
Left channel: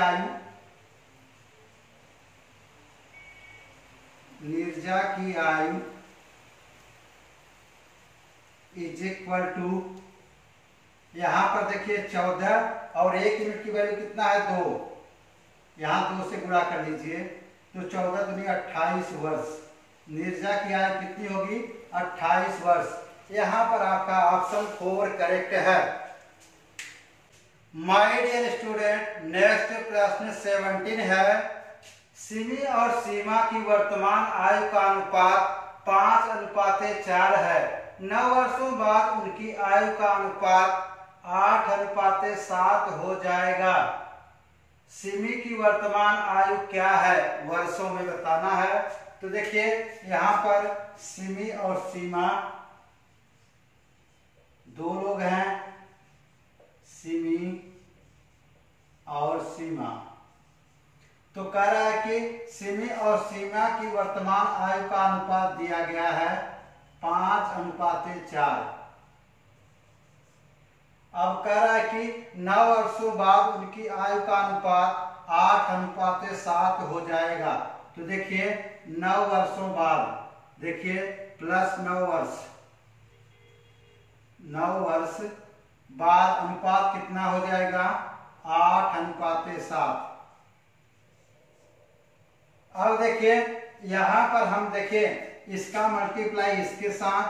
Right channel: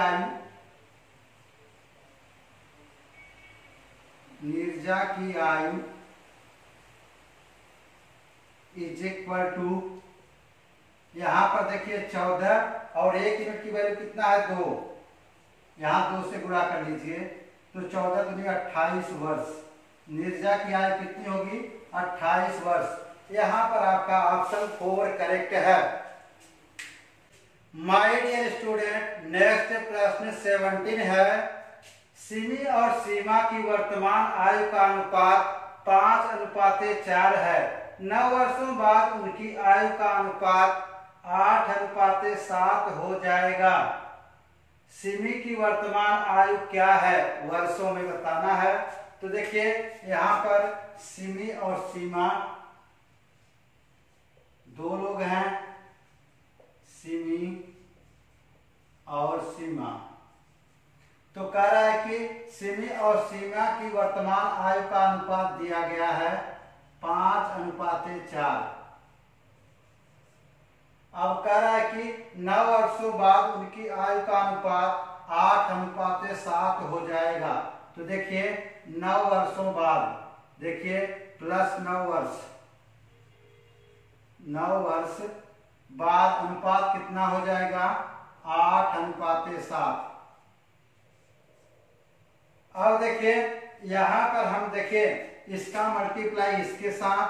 आयु इज इक्वल टू, यहां पर देखिए 14 और 1 यूनिट की वैल्यू कितना है, 2। यहां 2 से गुणा कर लीजिए। तो 14 दूनी 28 वर्ष। नीरजा की आयु कितनी होगी? 28 वर्ष। यहाँ पर आपका ऑप्शन 4 करेक्ट है। माय डियर स्टूडेंट, नेक्स्ट प्रश्न 17 है। सिमी और सीमा की वर्तमान आयु का अनुपात 5:4 है। 9 वर्षों बाद उनकी आयु का अनुपात 8:7 हो जाएगा। सिमी की वर्तमान आयु क्या है? वर्षों में बताना है। तो देखिए यहाँ पर सिमी और सीमा दो लोग हैं, सिमी और सीमा। तो कह रहा है कि सिमी और सीमा की वर्तमान आयु का अनुपात दिया गया है 5:4। अब कह रहा है कि 9 वर्षों बाद उनकी आयु का अनुपात 8:7 हो जाएगा। तो देखिए 9 वर्षों बाद, देखिए प्लस 9 वर्ष, 9 वर्ष बाद अनुपात कितना हो जाएगा? 8:7। अब देखिए यहां पर हम देखें इसका मल्टीप्लाई इसके साथ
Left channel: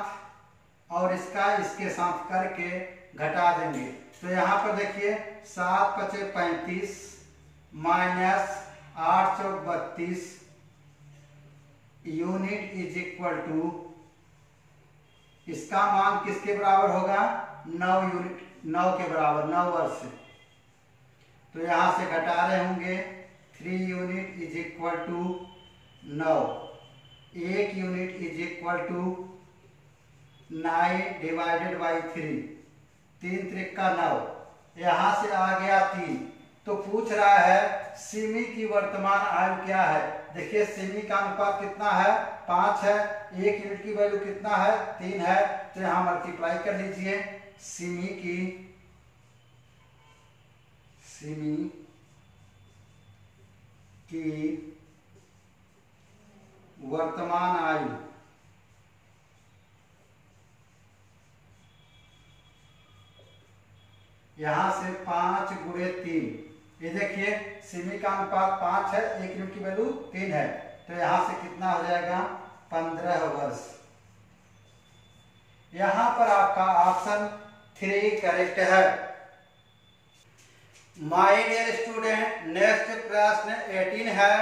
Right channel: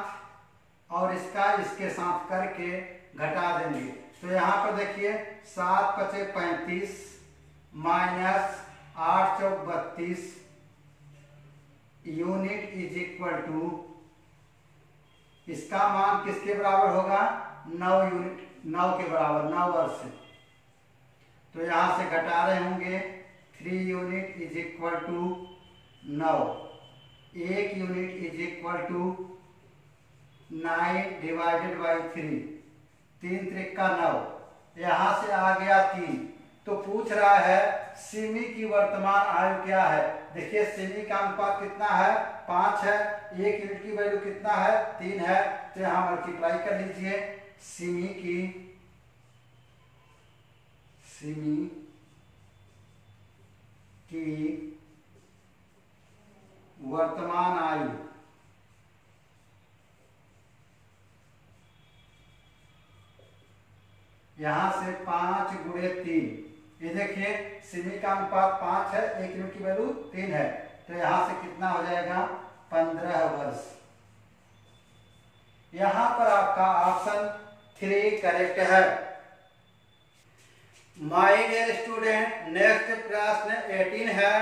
और इसका इसके साथ करके घटा देंगे। तो यहाँ पर देखिए 7×5 = 35 minus 8×4 = 32 unit is equal to, इसका मान किसके बराबर होगा? 9 यूनिट, 9 के बराबर, 9 वर्ष। तो यहां से घटा रहे होंगे 3 unit is equal to 9, 1 unit is equal to 9 divided by 3, 3 त्रिका 9, यहां से आ गया 3। तो पूछ रहा है सिमी की वर्तमान आयु क्या है? देखिए सिमी का अनुपात कितना है? 5 है। 1 यूनिट की वैल्यू कितना है? 3 है। तो यहां मल्टीप्लाई कर लीजिए। सिमी की वर्तमान आयु यहां से 5 × 3, ये देखिए सिमी का अनुपात 5 है, 1 यूनिट की वैल्यू 3 है। तो यहां से कितना हो जाएगा? 15 वर्ष। यहां पर आपका ऑप्शन 3 करेक्ट है। माय डियर स्टूडेंट, नेक्स्ट प्रश्न 18 है।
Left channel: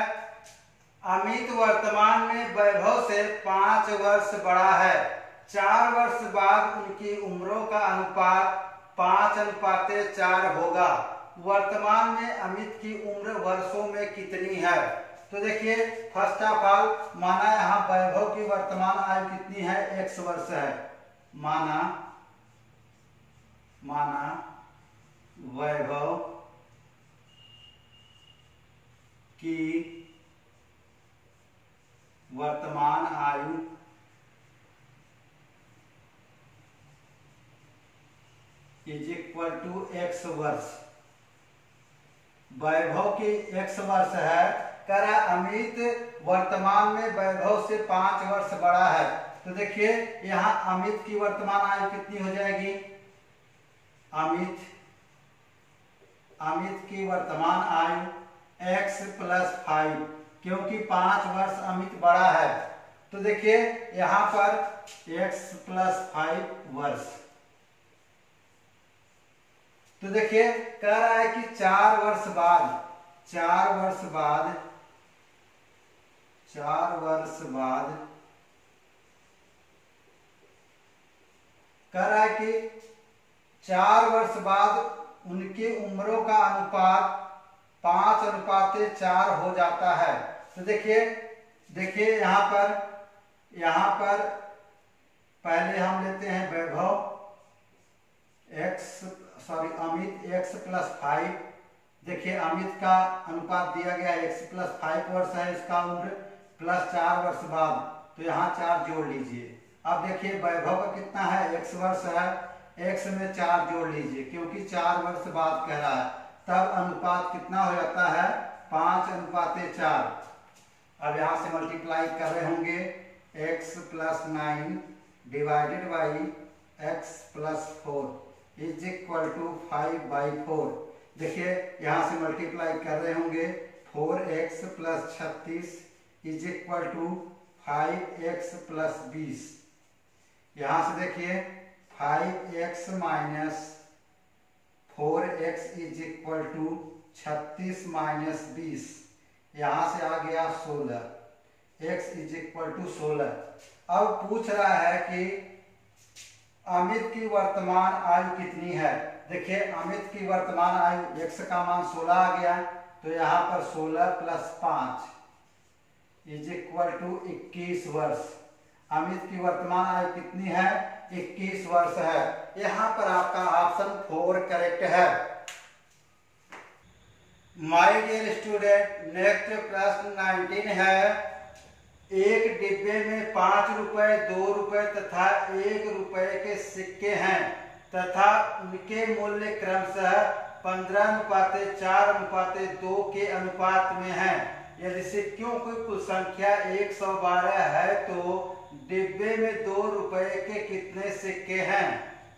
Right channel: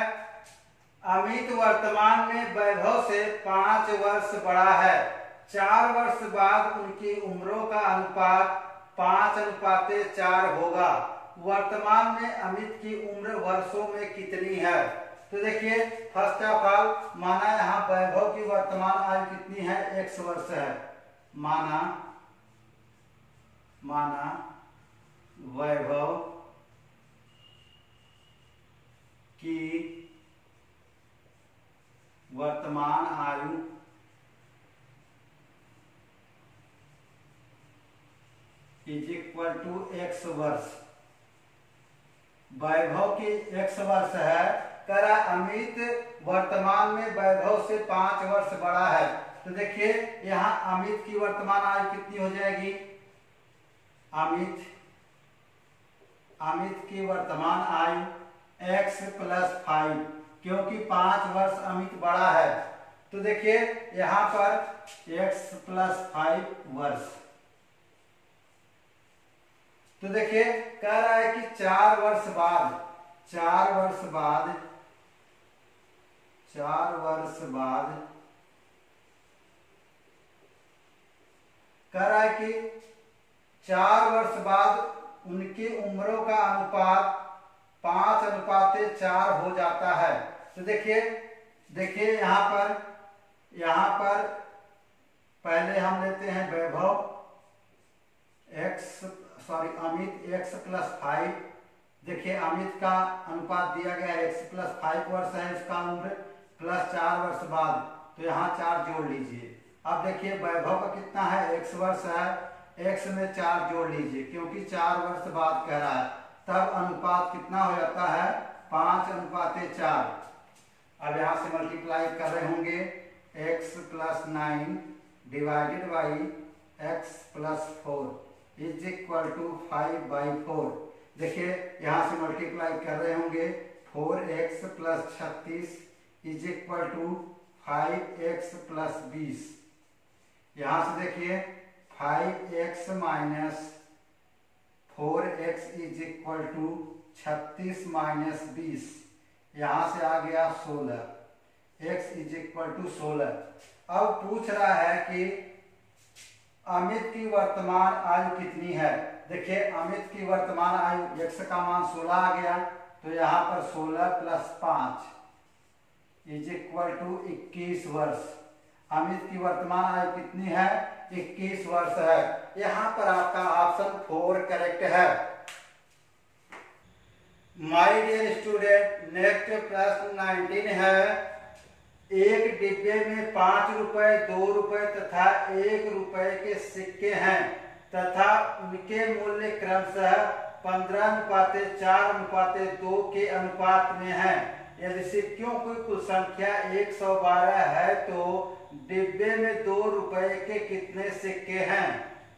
अमित वर्तमान में वैभव से 5 वर्ष बड़ा है। 4 वर्ष बाद उनकी उम्रों का अनुपात 5:4 होगा। वर्तमान में अमित की उम्र वर्षों में कितनी है? तो देखिए फर्स्ट ऑफ ऑल माना यहाँ वैभव की वर्तमान आयु कितनी है? x वर्ष है। माना वैभव की वर्तमान आयु इज इक्वल टू x वर्ष। वैभव की x वर्ष है। कह रहा अमित वर्तमान में वैभव से 5 वर्ष बड़ा है। तो देखिए यहाँ अमित की वर्तमान आयु कितनी हो जाएगी? अमित की वर्तमान आयु x + 5, क्योंकि 5 वर्ष अमित बड़ा है। तो देखिए यहाँ पर x + 5 वर्ष। तो देखिए कह रहा है कि 4 वर्ष बाद कह रहा है कि 4 वर्ष बाद उनकी उम्रों का अनुपात 5:4 हो जाता है। तो देखिए यहाँ पर पहले हम लेते हैं वैभव अमित x + 5। देखिए अमित का अनुपात दिया गया है x + 5 वर्ष है इसका उम्र, प्लस 4 वर्ष बाद, तो यहाँ 4 जोड़ लीजिए। अब देखिए वैभव का कितना है? x वर्ष है, x में 4 जोड़ लीजिए क्योंकि 4 वर्ष बाद कह रहा है। तब अनुपात कितना हो जाता है? 5:4। अब यहाँ से मल्टीप्लाई कर रहे होंगे x + 9 divided by x + 4 is equal to 5/4। देखिए यहाँ से मल्टीप्लाई कर रहे होंगे 4x + 36 is equal to 5x plus 20। यहां से देखिए 5x minus 4x is equal to 36 minus 20। यहां से आ गया 16, x इज इक्वल टू 16। अब पूछ रहा है कि अमित की वर्तमान आयु कितनी है। देखिए अमित की वर्तमान आयु, x का मान 16 आ गया, तो यहाँ पर 16 प्लस 5 इज इक्वल टू 21 वर्ष। अमित की वर्तमान आयु कितनी है? 21 वर्ष है। यहाँ पर आपका ऑप्शन 4 करेक्ट है। माय डियर स्टूडेंट, नेक्स्ट प्रश्न 19 है। एक डिब्बे में 5 रुपए, 2 रुपए तथा 1 रुपए के सिक्के हैं तथा उनके मूल्य क्रमशः 15:4:2 के अनुपात में है। यदि सिक्कों की कुल संख्या 112 है तो डिब्बे में 2 रुपए के कितने सिक्के हैं?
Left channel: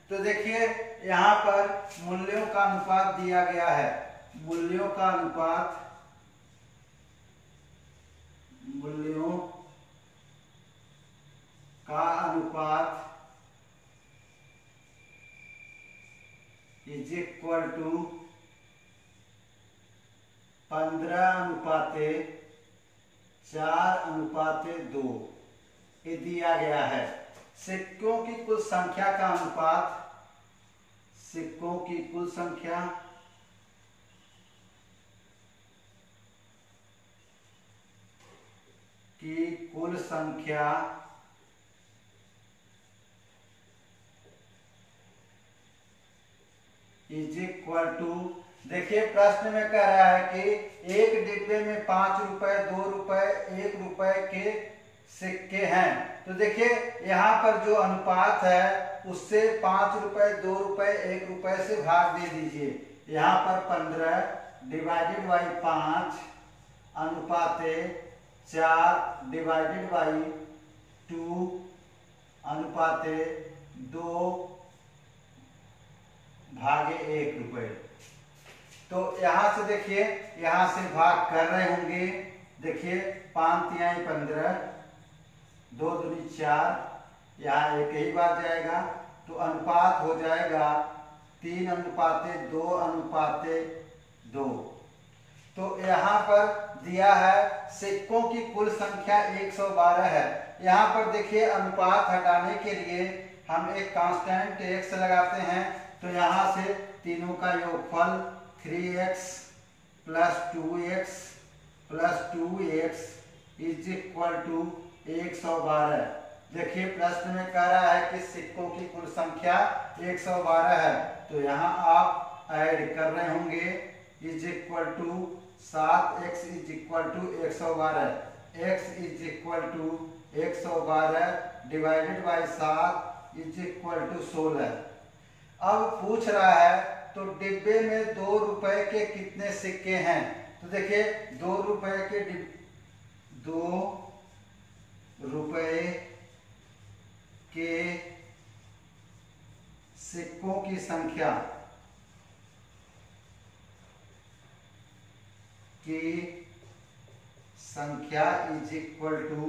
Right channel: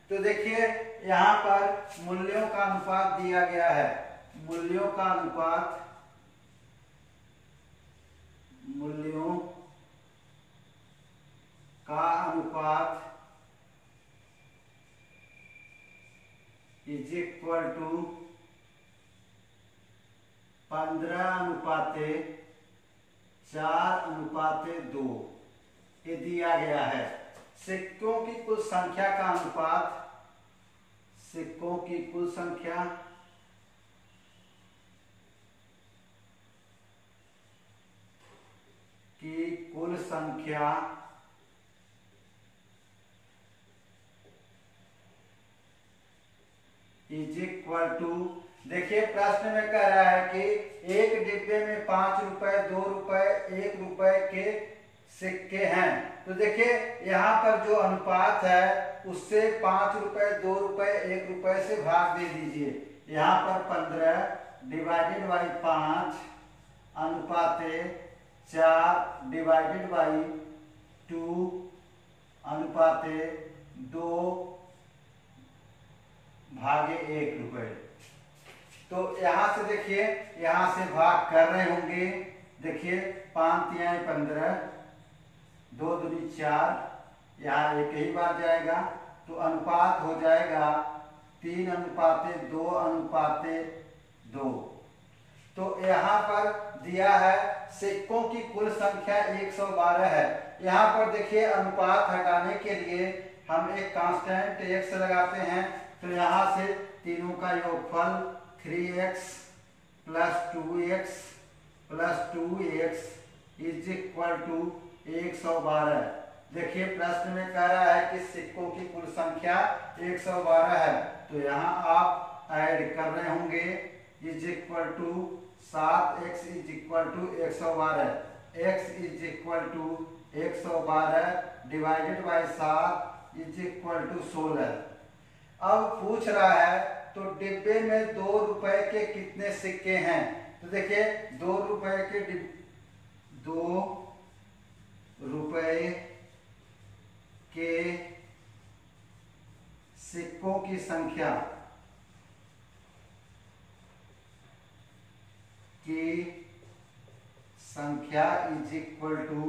तो देखिए यहाँ पर मूल्यों का अनुपात दिया गया है। मूल्यों का अनुपात इज इक्वल टू 15:4:2 ये दिया गया है। सिक्कों की कुल संख्या का अनुपात, सिक्कों की कुल संख्या इज इक्वल टू, देखिए प्रश्न में कह रहा है कि एक डिब्बे में 5 रुपए, 2 रुपए, 1 रुपए के सिक्के हैं। तो देखिए यहाँ पर जो अनुपात है उससे 5 रुपए, 2 रुपए, 1 रुपए से भाग दे दीजिए। यहाँ पर 15 डिवाइडेड बाई 5 अनुपाते 4 डिवाइडेड बाई 2 अनुपाते 2 भागे 1 रुपए। तो यहां से देखिए, यहां से भाग कर रहे होंगे। देखिए 5×3 15, 2 दूनी 4, यहाँ एक ही बार जाएगा तो अनुपात हो जाएगा 3:2:2। तो यहाँ पर दिया है सिक्कों की कुल संख्या 112 है। यहाँ पर देखिए अनुपात हटाने के लिए हम एक कांस्टेंट x लगाते हैं। तो यहाँ से तीनों का योगफल 3x plus 2x plus 2x is equal to 112। देखिए प्रश्न में कह रहा है कि सिक्कों की कुल संख्या 112 है, तो यहाँ आप ऐड कर रहे होंगे is equal to 7x is equal to 112, x is equal to 112 divided by 7 is equal to 16। अब पूछ रहा है तो डिब्बे में 2 रुपए के कितने सिक्के हैं? तो देखिए 2 रुपए के 2 रुपए के सिक्कों की संख्या इज इक्वल टू,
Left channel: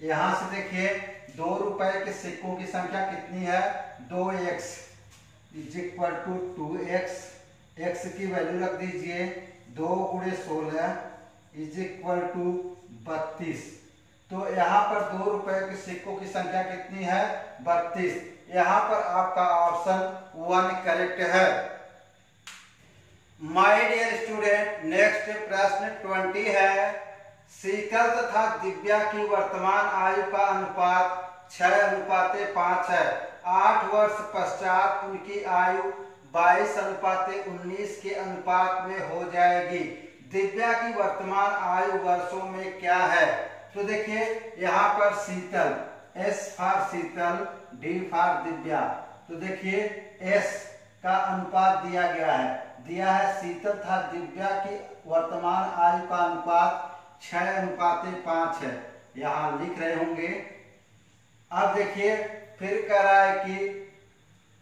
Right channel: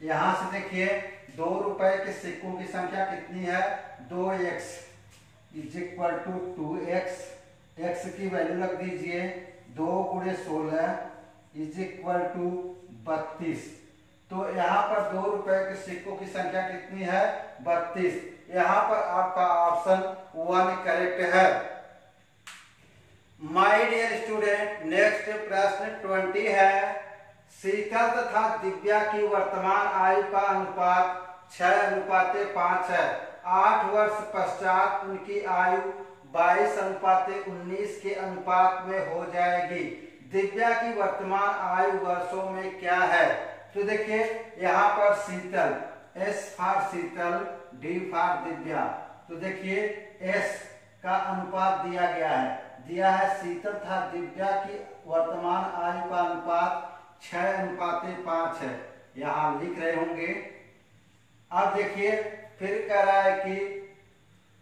यहां से देखिए 2 रुपए के सिक्कों की संख्या कितनी है? 2x is equal to 2x। x की वैल्यू रख दीजिए 2 × 16 इज इक्वल टू 32। तो यहाँ पर 2 रुपए के सिक्कों की संख्या कितनी है? 32। यहाँ पर आपका ऑप्शन 1 करेक्ट है। माय डियर स्टूडेंट, नेक्स्ट प्रश्न 20 है। शीतल तथा दिव्या की वर्तमान आयु का अनुपात 6:5 है। 8 वर्ष पश्चात उनकी आयु 22:19 के अनुपात में हो जाएगी। दिव्या की वर्तमान आयु वर्षों में क्या है? तो देखिए यहाँ पर शीतल, S for Sheetal, D for Divya. तो देखिए S का अनुपात दिया गया है, शीतल तथा दिव्या की वर्तमान आयु का अनुपात 6:5 है। यहाँ लिख रहे होंगे। अब देखिए फिर कह रहा है कि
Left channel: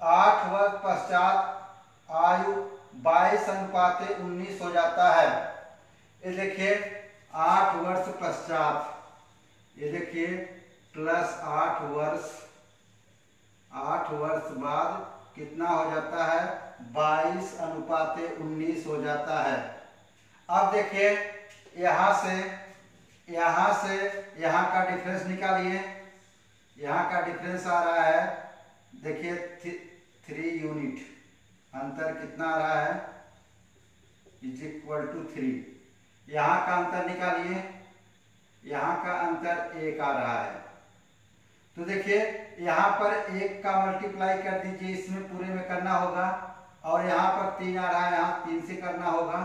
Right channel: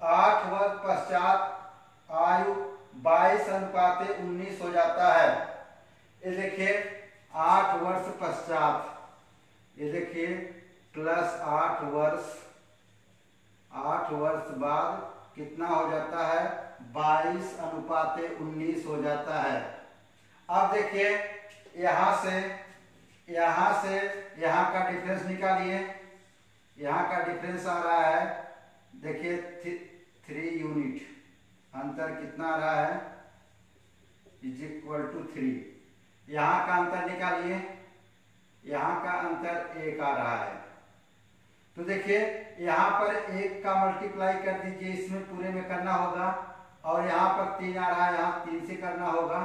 8 वर्ष पश्चात आयु 22:19 हो जाता है। ये देखिए 8 वर्ष पश्चात, ये देखिए प्लस 8 वर्ष बाद कितना हो जाता है, 22:19 हो जाता है। अब देखिए यहां से यहां का डिफरेंस निकालिए। यहां का डिफरेंस आ रहा है, देखिए 3 यूनिट, अंतर कितना आ रहा है, इज इक्वल टू 3। यहां का अंतर निकालिए, यहां का अंतर 1 आ रहा है। तो देखिए यहां पर 1 का मल्टीप्लाई कर दीजिए, इसमें पूरे में करना होगा, और यहां पर 3 आ रहा है, यहां 3 से करना होगा,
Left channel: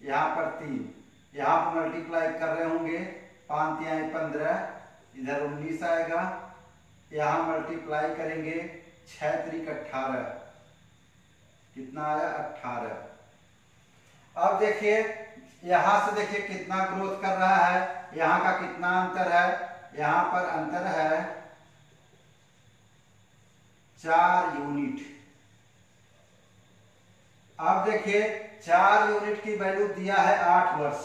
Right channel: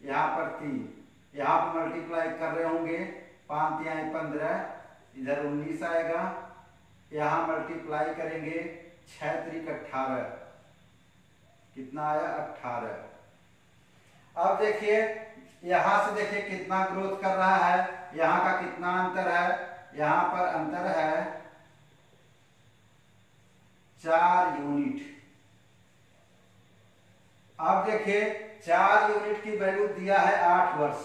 यहां पर 3, यहां पर मल्टीप्लाई कर रहे होंगे, 5 × 15, इधर 19 आएगा, यहां मल्टीप्लाई करेंगे 6 × 18, कितना आया 18। अब देखिए यहां से देखिए कितना ग्रोथ कर रहा है, यहां का कितना अंतर है, यहां पर अंतर है 4 यूनिट। अब देखिए 4 यूनिट की वैल्यू दिया है 8 वर्ष,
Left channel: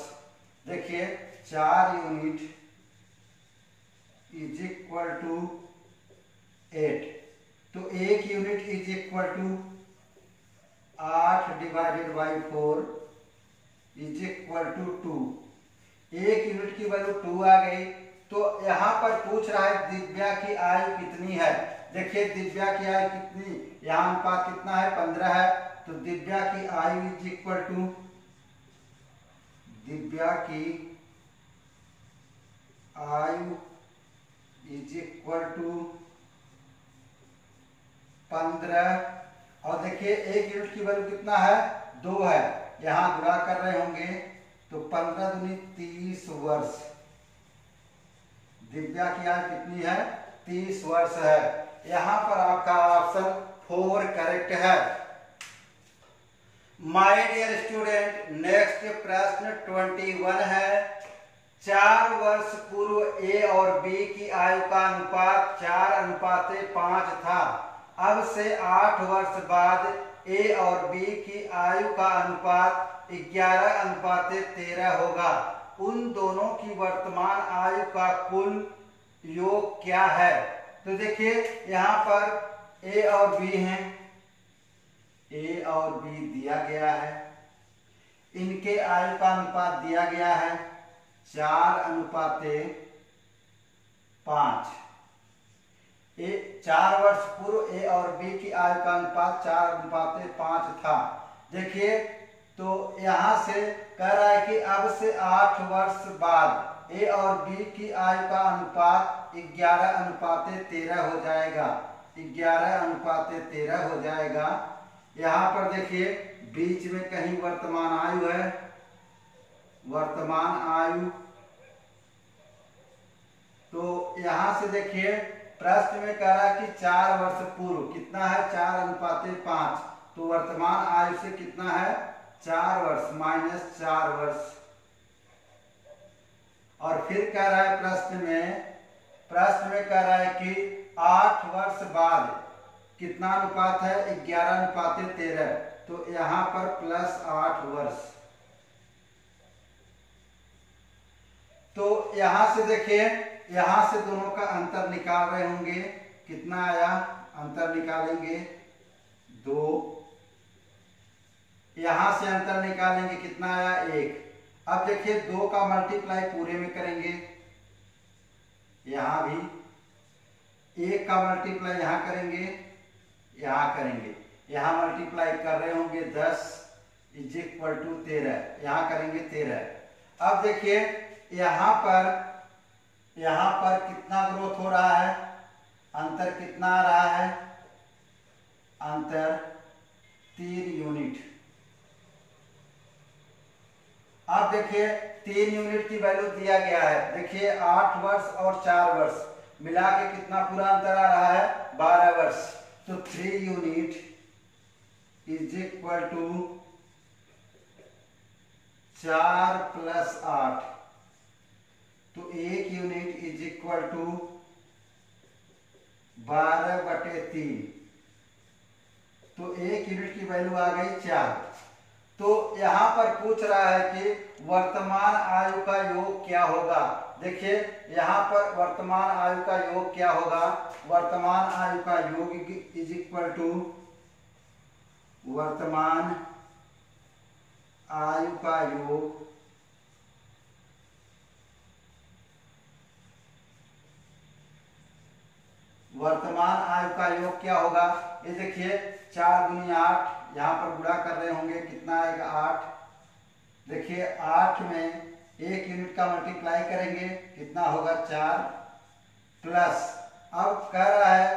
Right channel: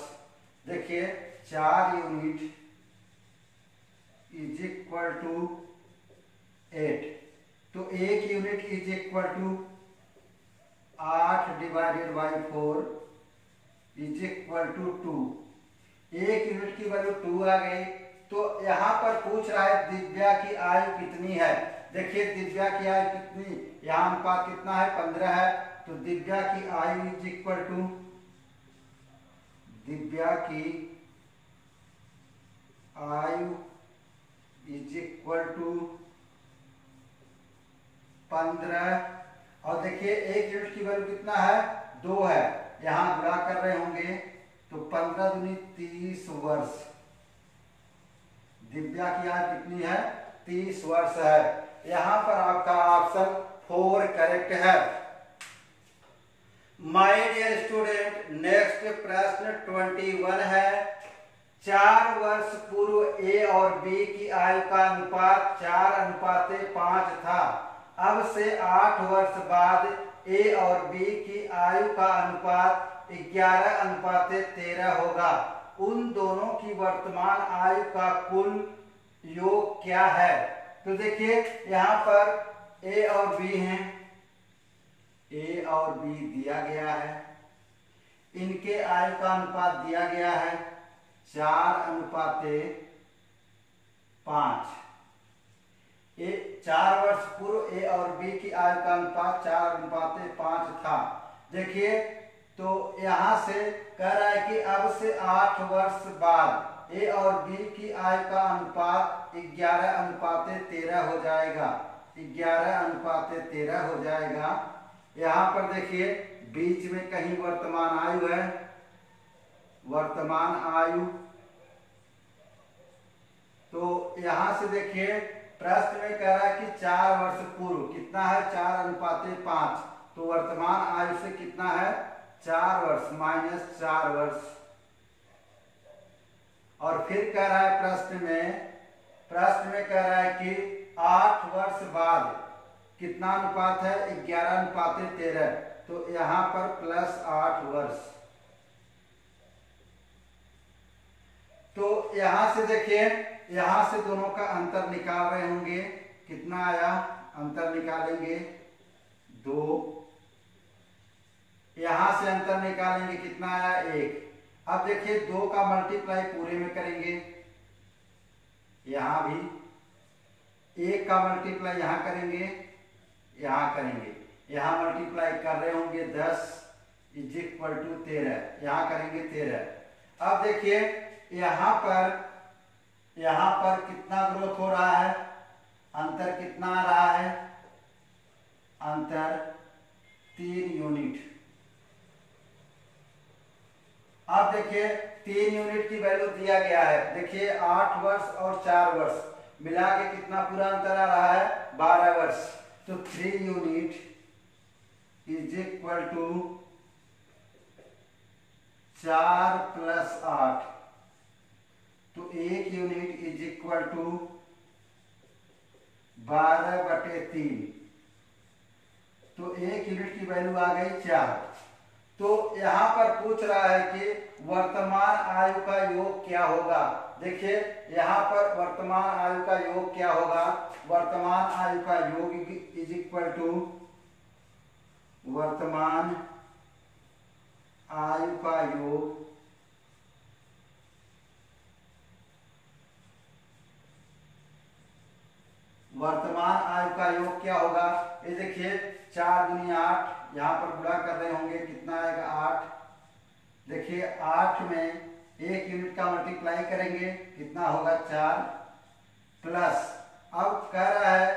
देखिए 4 यूनिट इज इक्वल टू 8, तो 1 यूनिट इज इक्वल टू 8 डिवाइडेड बाई 4 इज इक्वल टू 2। 1 यूनिट की वैल्यू 2 आ गई। तो यहां पर पूछ रहा है दिव्या की आयु कितनी है। देखिए दिव्या की आयु कितनी, यहां अनुपात कितना है, 15 है, तो दिव्या की आयु इज इक्वल टू, दिव्या की आयु इज इक्वल टू 15। और देखिए 1 यूनिट की वैल्यू कितना है, 2 है, यहां गुणा कर रहे होंगे, तो 15 दूनी 30 वर्ष। दिव्या की आयु कितनी है, 30 वर्ष है। यहां पर आपका ऑप्शन 4 करेक्ट है। माय डियर स्टूडेंट, नेक्स्ट प्रश्न 21 है। 4 वर्ष पूर्व ए और बी की आयु का अनुपात 4:5 था। अब से 8 वर्ष बाद ए और बी की आयु का अनुपात 11:13 होगा। उन दोनों की वर्तमान आयु का कुल योग क्या है। तो देखिए यहां पर ए और बी हैं, ए और बी दिया गया है, इनके आयु का अनुपात दिया गया है 4:5। 4 वर्ष पूर्व ए और बी की आयु का अनुपात 4:5 था। देखिए तो यहां से कह रहा है कि अब से 8 वर्ष बाद ए और बी की आयु का अनुपात 11:13 हो जाएगा, 11:13 हो जाएगा। यहां पर देखिए बीच में कहीं वर्तमान आयु है, वर्तमान आयु, तो यहां से देखिए प्रश्न में कह रहा है कि 4 वर्ष पूर्व कितना है, 4:5, तो वर्तमान आयु से कितना है 4 वर्ष माइनस 4 वर्ष। और फिर कह रहा है प्रश्न में कह रहा है कि 8 वर्ष बाद कितना अनुपात है, 11:13, तो यहां पर प्लस 8 वर्ष। तो यहां से देखिए, यहां से दोनों का अंतर निकाल रहे होंगे, कितना आया, अंतर निकालेंगे 2, यहां से अंतर निकालेंगे कितना आया 1। अब देखिए 2 का मल्टीप्लाई पूरे में करेंगे, यहां भी 1 का मल्टीप्लाई यहां करेंगे, यहां करेंगे, यहां मल्टीप्लाई कर रहे होंगे 10 इज इक्वल टू 13, यहां करेंगे 13। अब देखिए यहां पर कितना ग्रोथ हो रहा है, अंतर कितना आ रहा है, अंतर 3 यूनिट। अब देखिए 3 यूनिट की वैल्यू दिया गया है, देखिए 8 वर्ष और 4 वर्ष मिला के कितना पूरा अंतर आ रहा है 12 वर्ष। तो 3 unit is equal to 4 plus 8, तो 1 यूनिट इज इक्वल टू 12/3, तो 1 यूनिट की वैल्यू आ गई 4। तो यहाँ पर पूछ रहा है कि वर्तमान आयु का योग क्या होगा। देखिए यहाँ पर वर्तमान आयु का योग क्या होगा। वर्तमान आयु का योग इज इक्वल टू वर्तमान आयु का योग वर्तमान आयु का योग क्या होगा। ये देखिए 4 दूनी 8, यहाँ पर गुणा कर रहे होंगे, कितना आएगा 8। देखिए 8 में 1 यूनिट का मल्टीप्लाई करेंगे, कितना होगा 4 प्लस। अब कह रहा है,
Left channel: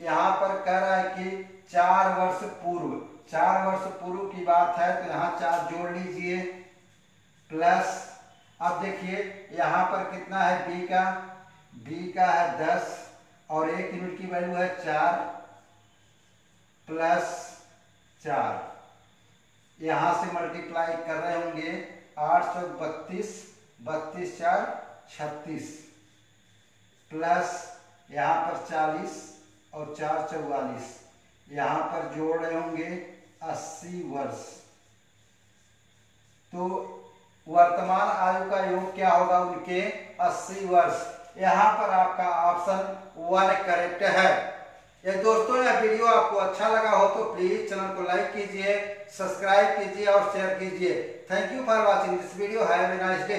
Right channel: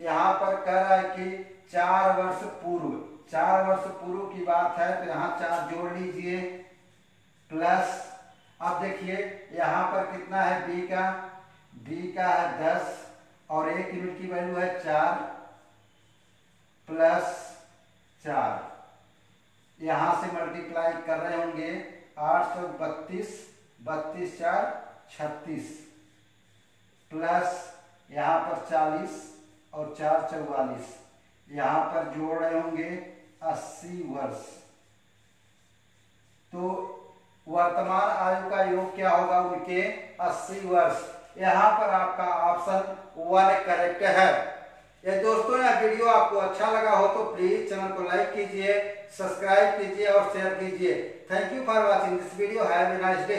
यहाँ पर कह रहा है कि 4 वर्ष पूर्व, 4 वर्ष पूर्व की बात है तो यहाँ 4 जोड़ लीजिए प्लस। अब देखिए यहाँ पर कितना है बी का है 10 और 1 यूनिट की वैल्यू है 4 प्लस 4। यहां से मल्टीप्लाई कर रहे होंगे 832, 32 4 36 प्लस यहाँ पर 40 और 4 44। यहाँ पर जोड़ रहे होंगे 80 वर्ष। तो वर्तमान आयु का योग क्या होगा उनके 80 वर्ष। यहाँ पर आपका ऑप्शन 1 करेक्ट है। ये दोस्तों यह वीडियो आपको अच्छा लगा हो तो प्लीज चैनल को लाइक कीजिए, सब्सक्राइब कीजिए और शेयर कीजिए। Thank you for watching this video. Have a nice day.